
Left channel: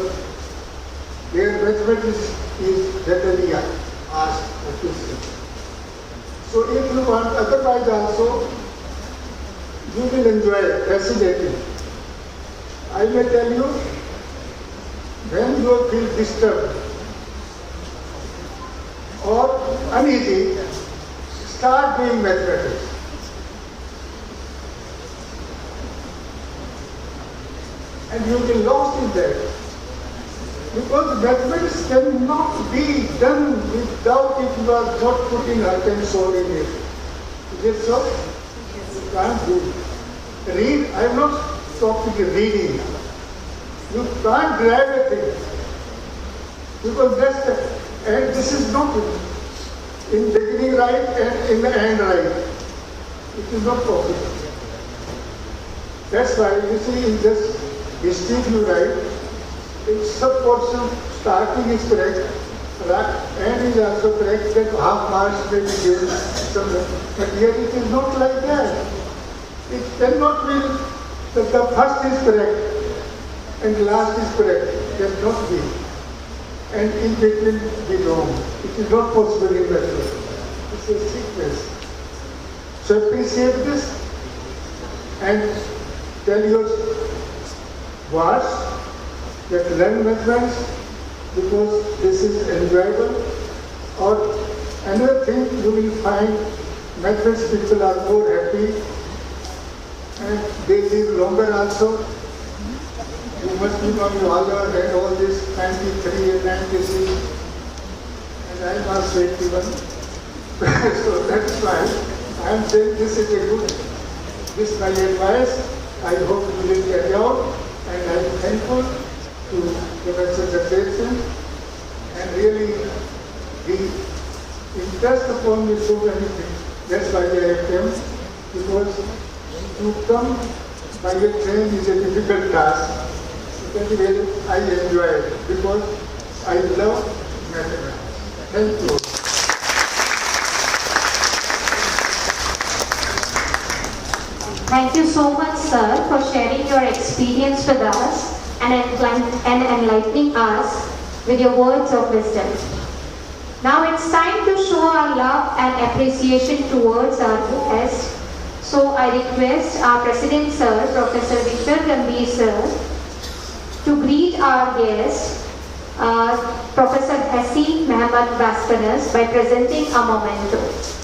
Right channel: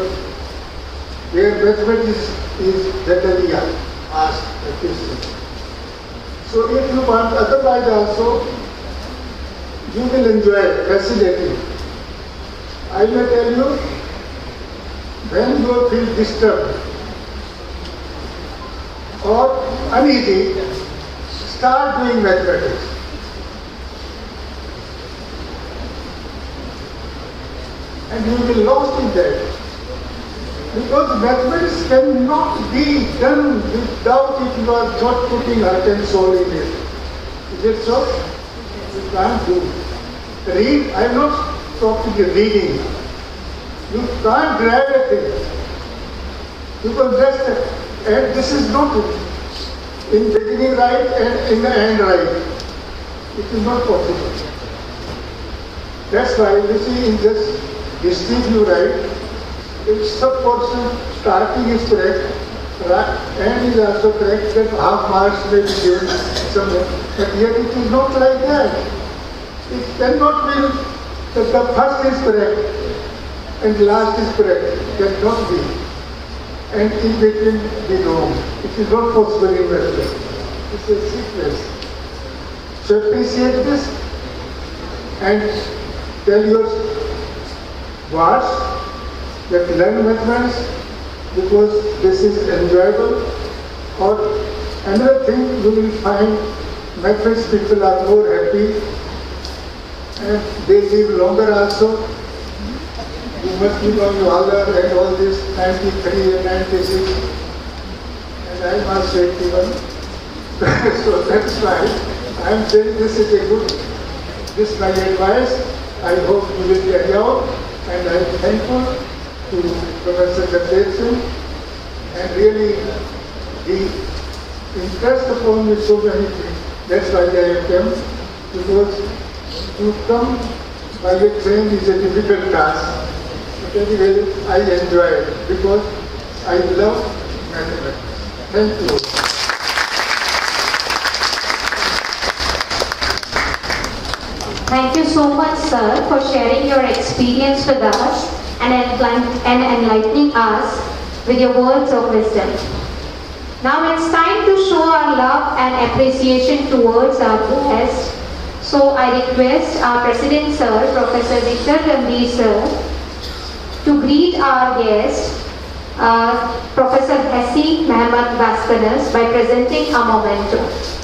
where mathematics is generally asked a question. So if you want otherwise also, you will enjoy it, fascinating. I may tell you, when you feel disturbed or uneasy, start doing mathematics. And you will be lost in that. Because mathematics cannot be done without if you are not putting heart and soul in it. Is it so? You can't do. Read, I am not talking reading. You can't drive a thing. Because and this is not in beginning right and in the end right. It is not possible. That's why you see in this history you write, if some person starting is correct, and is also correct, then half marks may be given somewhere. But here it is not like that. It cannot be that the first is correct and last is correct. Cannot be. And in between be wrong. It is not possible in mathematics. It's a sequence. So appreciate this and tell your wards that learn mathematics because this is enjoyable. Or another thing you will find, mathematics people are more happy and they live longer also. You must be on your other and all this 93 and 96 and I am also 81. So that's why I am saying this is a good, this is my advice. I hope you will carry out and I am thankful to Professor Jecrc and really the interest upon me so many things. That's why I came, because to come by a train is a difficult task. But anyway, I enjoy it because I love mathematics. Thank you. Thank you so much, sir, for sharing your experience with us and enlightening us with your words of wisdom. Now it's time to show our love and appreciation towards our guest. So I request our President, sir, Professor Jecrc sir, to greet our guest, Professor Hassi Mehmet Baskanas, by presenting a memento.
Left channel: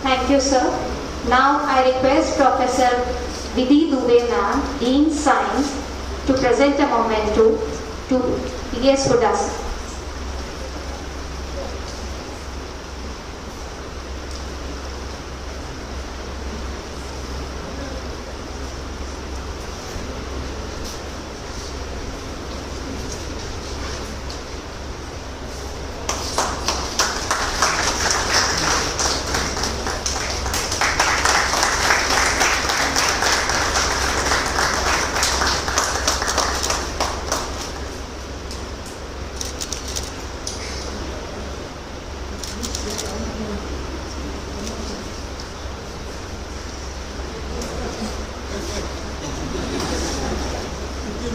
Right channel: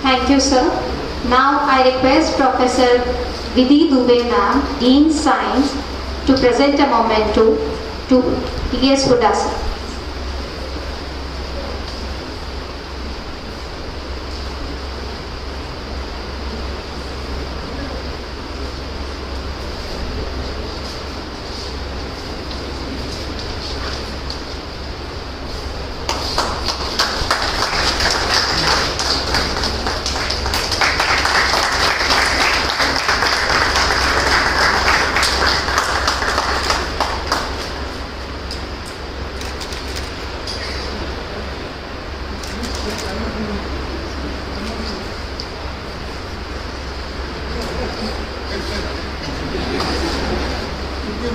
Thank you, sir. Now I request Professor Vidhi Dubey ma'am, Dean Science, to present a memento to T.S. Hudasa.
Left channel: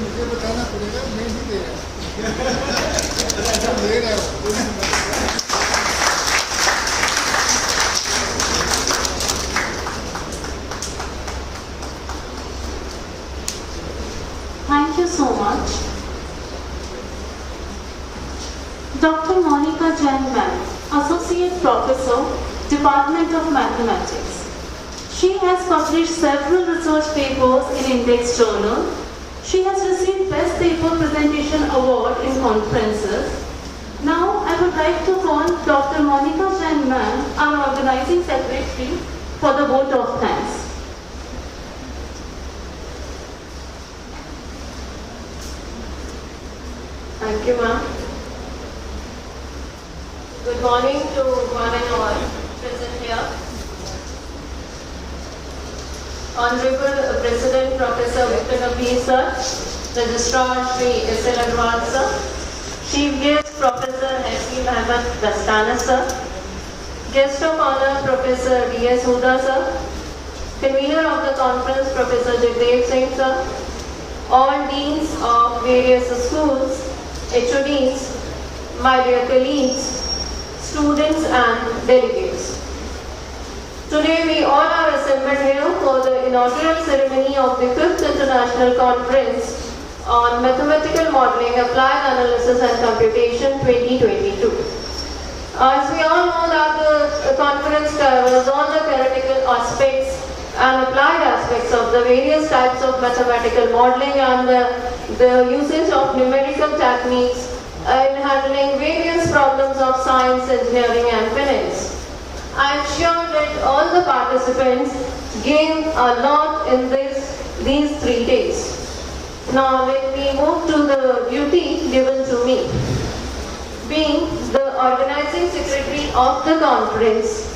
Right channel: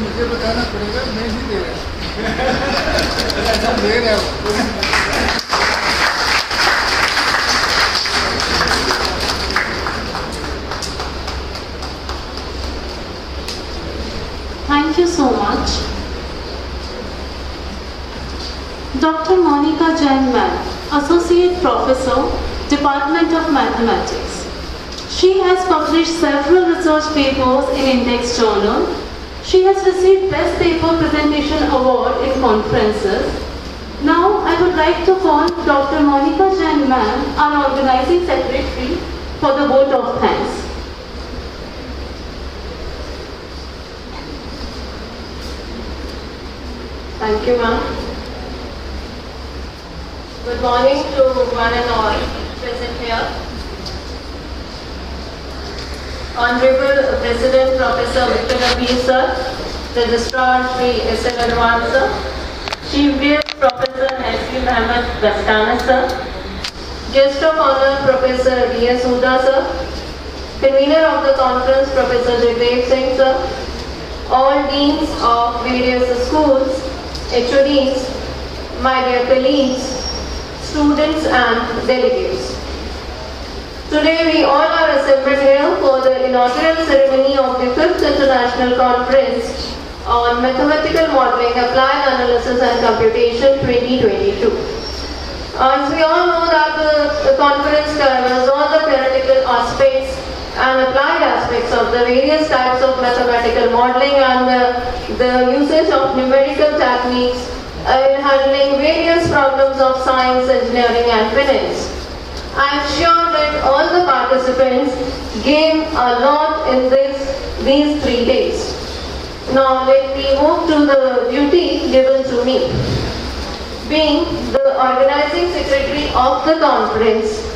मुझे बताना पड़ेगा, मैं नहीं दे रहा ले रहा हूँ। Thank you so much. Dr. Monica Jain ma'am, Associate Professor, Department of Mathematics. She has published several research papers in Index Journal. She has received Best Paper Presentation Award in conferences. Now, I would like to call Dr. Monica Jain ma'am, our organizing secretary, for the vote of thanks. Thank you, ma'am. Good morning to one and all present here. Honorable President Professor Victor Nabil sir, Registrar Shri S.L. Adwan sir, Chief Guest Professor Hassi Mehmet Baskanas sir, Guest of Honor Professor D.S. Huda sir, convener of the conference, Professor Jecrc sir, all deans of various schools, HODs, my dear colleagues, students and delegates. Today we all are assembled here for the inaugural ceremony of the 5th International Conference on Mathematical Modeling, Applied Analysis and Computation 2022. As we all know that the conference covers all the theoretical aspects and applied aspects of the various types of mathematical modeling and the usage of numerical techniques in handling various problems of science, engineering and finance. I am sure that all the participants gain a lot in these 3 days. Now let me move to the duty given to me. Being the organizing secretary of the conference,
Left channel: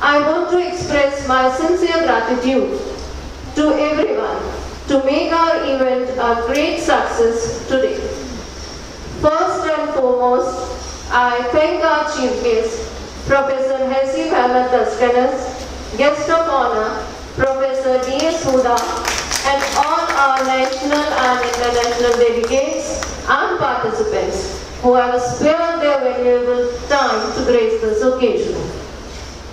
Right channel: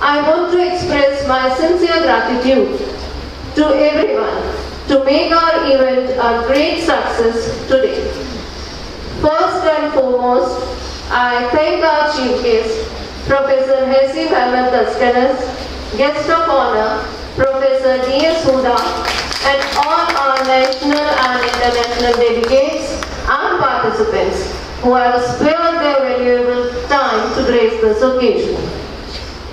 I want to express my sincere gratitude to everyone to make our event a great success today. First and foremost, I thank our chief guest, Professor Hastags guest of honor, Professor D.S. Huda, and all our national and international delegates and participants who have spared their valuable time to grace this occasion.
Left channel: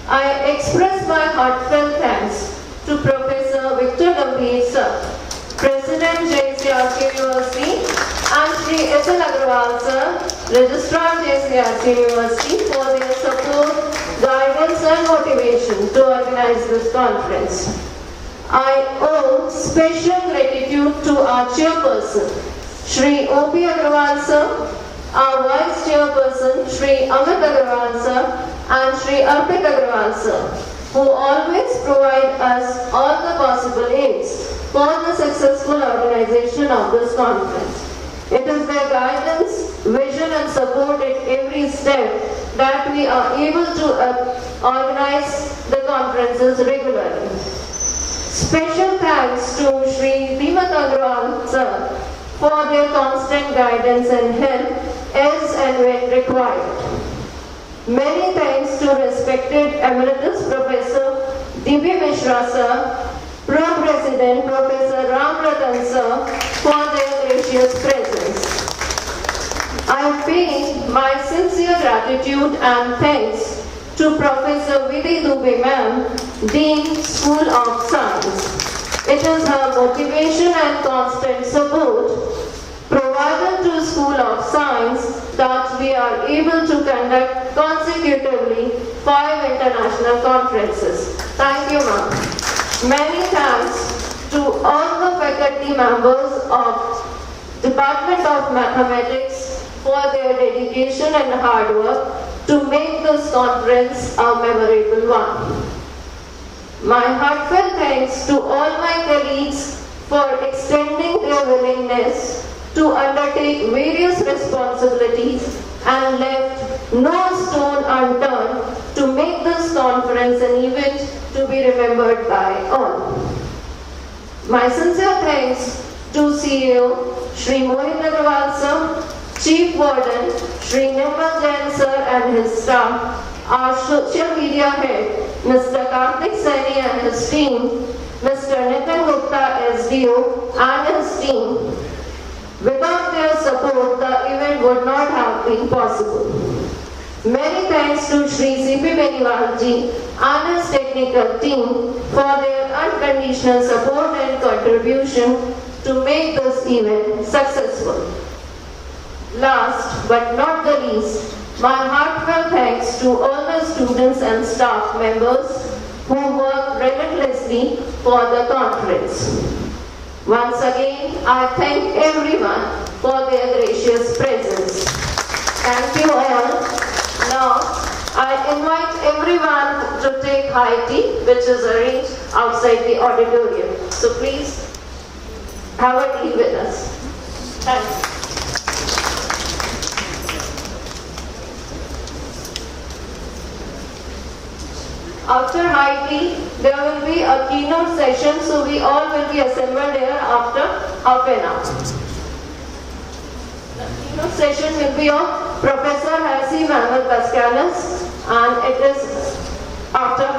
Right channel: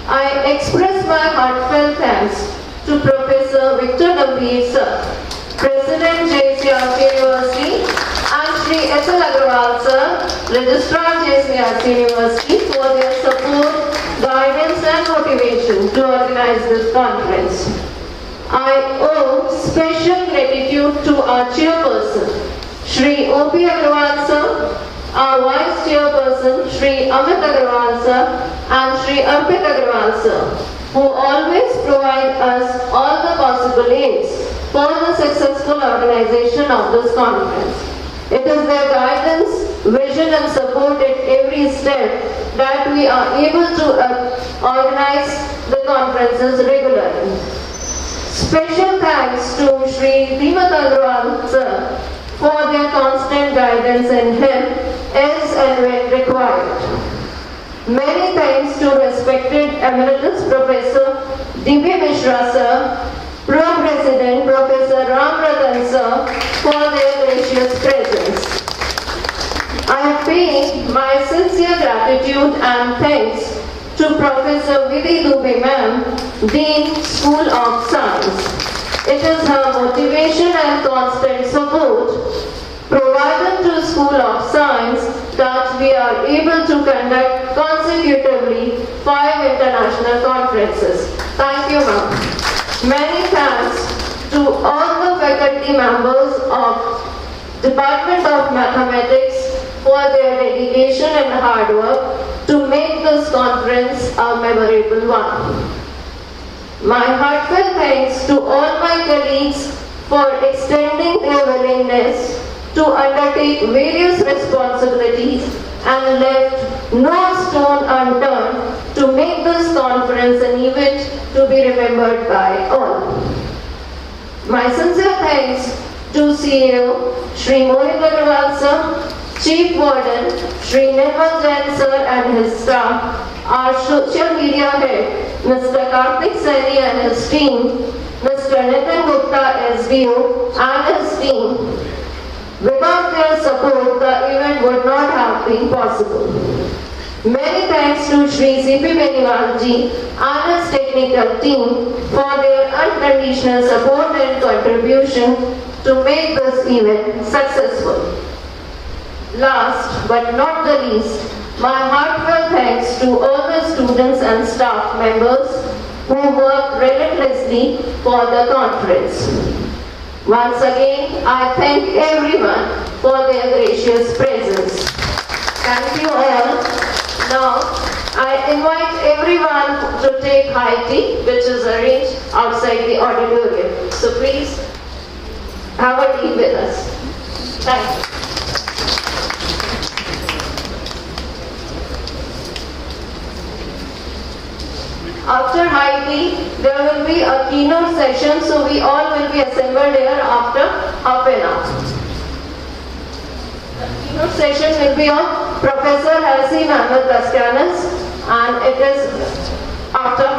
I express my heartfelt thanks to Professor Victor Gambhir sir, President Jecrc University, and Shri S.L. Agarwal sir, Registrar Jecrc University, for their support, guidance and motivation to organize this conference. I owe special gratitude to our chairperson, Shri O.P. Agarwal sir, our vice chairperson, Shri Amit Agarwal sir, and Shri Arpit Agarwal sir, who always provide us all the possible aids for the successful organization of this conference. It is their guidance, vision and support at every step that we are able to organize the conferences regularly. Special thanks to Shri Dhimat Agarwal sir for their constant guidance and help as and when required. Many thanks to respected Emeritus Professor D.B. Mishra sir, Pro-President Professor Ram Ratan sir for their gracious presence. I pay my sincere gratitude and thanks to Professor Vidhi Dubey ma'am, Dean, School of Science. It is her motivation and constant support provided to School of Science that we are able to conduct consecutively 5 international conferences. Thank you, ma'am. Many thanks to all the faculty members of Department of Mathematics for their dedication and hard work to make this conference a memorable one. My heartfelt thanks to all my colleagues for extending their willingness to undertake various responsibilities and left no stone unturned to make this conference an event to be remembered by all. My sincere thanks to CEO Shri Mohit Agarwal sir, Chief Warden Shri Nirmal Jain sir and his staff, our social media head Mr. Karthik Saini and his team, Mr. Nitin Gupta SDO and his team. Without their support, the event would not have been possible. Many thanks to Shri C.P. Beniwalji and his technical team for their unconditional support and contribution to make this event successful. Last but not the least, my heartfelt thanks to all the students and staff members who worked relentlessly for the conference. Once again, I thank everyone for their gracious presence. Thank you all. Now, I invite everyone to take high tea, which is arranged outside the auditorium. So please, have a tea with us. Thank you. After high tea, there will be a keynote session, so we all will be assembled here after half an hour. The keynote session will be of Professor Harsi Mohammed Dastianas, and it is after